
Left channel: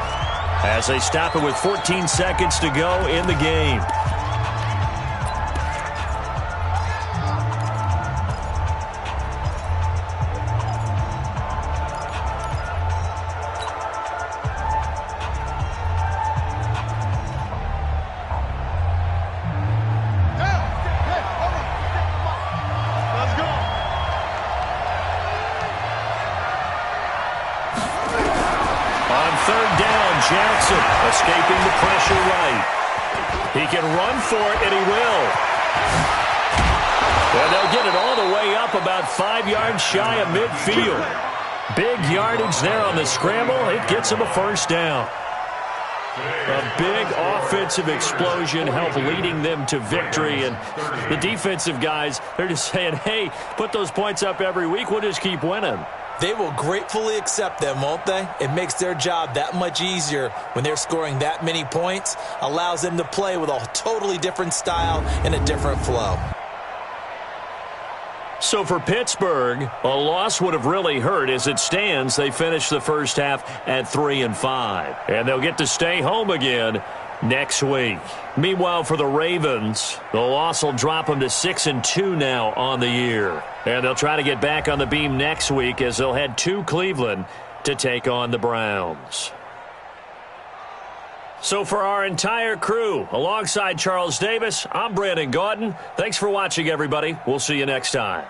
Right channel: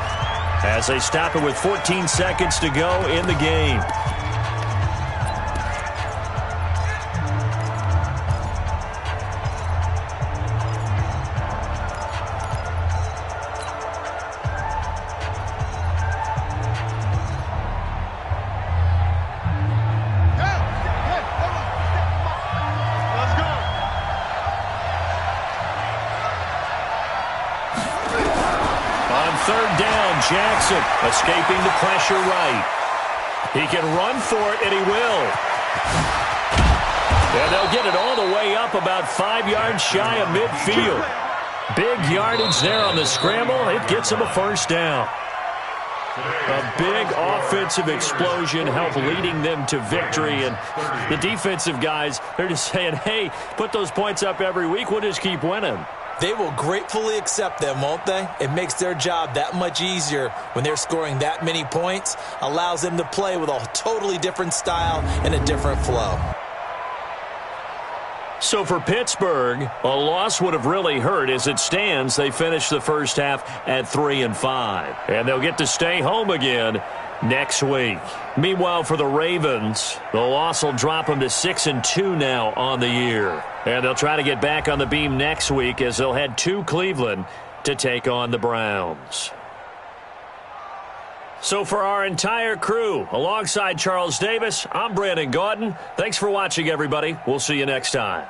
as they stop it with 14 seconds to go in the game. Jackson escaping the pressure right. He can run for it, and he will. And they'll get it all the way up about 5 yards shy of midfield. Big yardage there on the scramble. It gets him a first down. A big offensive explosion helped leading them to victory. And the defensive guys, they're just saying, hey, put those points up every week. We'll just keep winning. They will gratefully accept them, won't they? It makes their job that much easier when they're scoring that many points. Allows them to play with a totally different style and a different flow. So for Pittsburgh, a loss would have really hurt. As it stands, they finished the first half at 3-5. And they'll get to stay home again next week. Meanwhile, for the Ravens, the loss will drop them to 6-2 now on the year. And they'll try to get back on the beam next week as they'll head to Cleveland to take on the Browns. So for our entire crew, alongside Charles Davis, I'm Brandon Gaudin. Thanks for watching, everybody. We'll see you next time.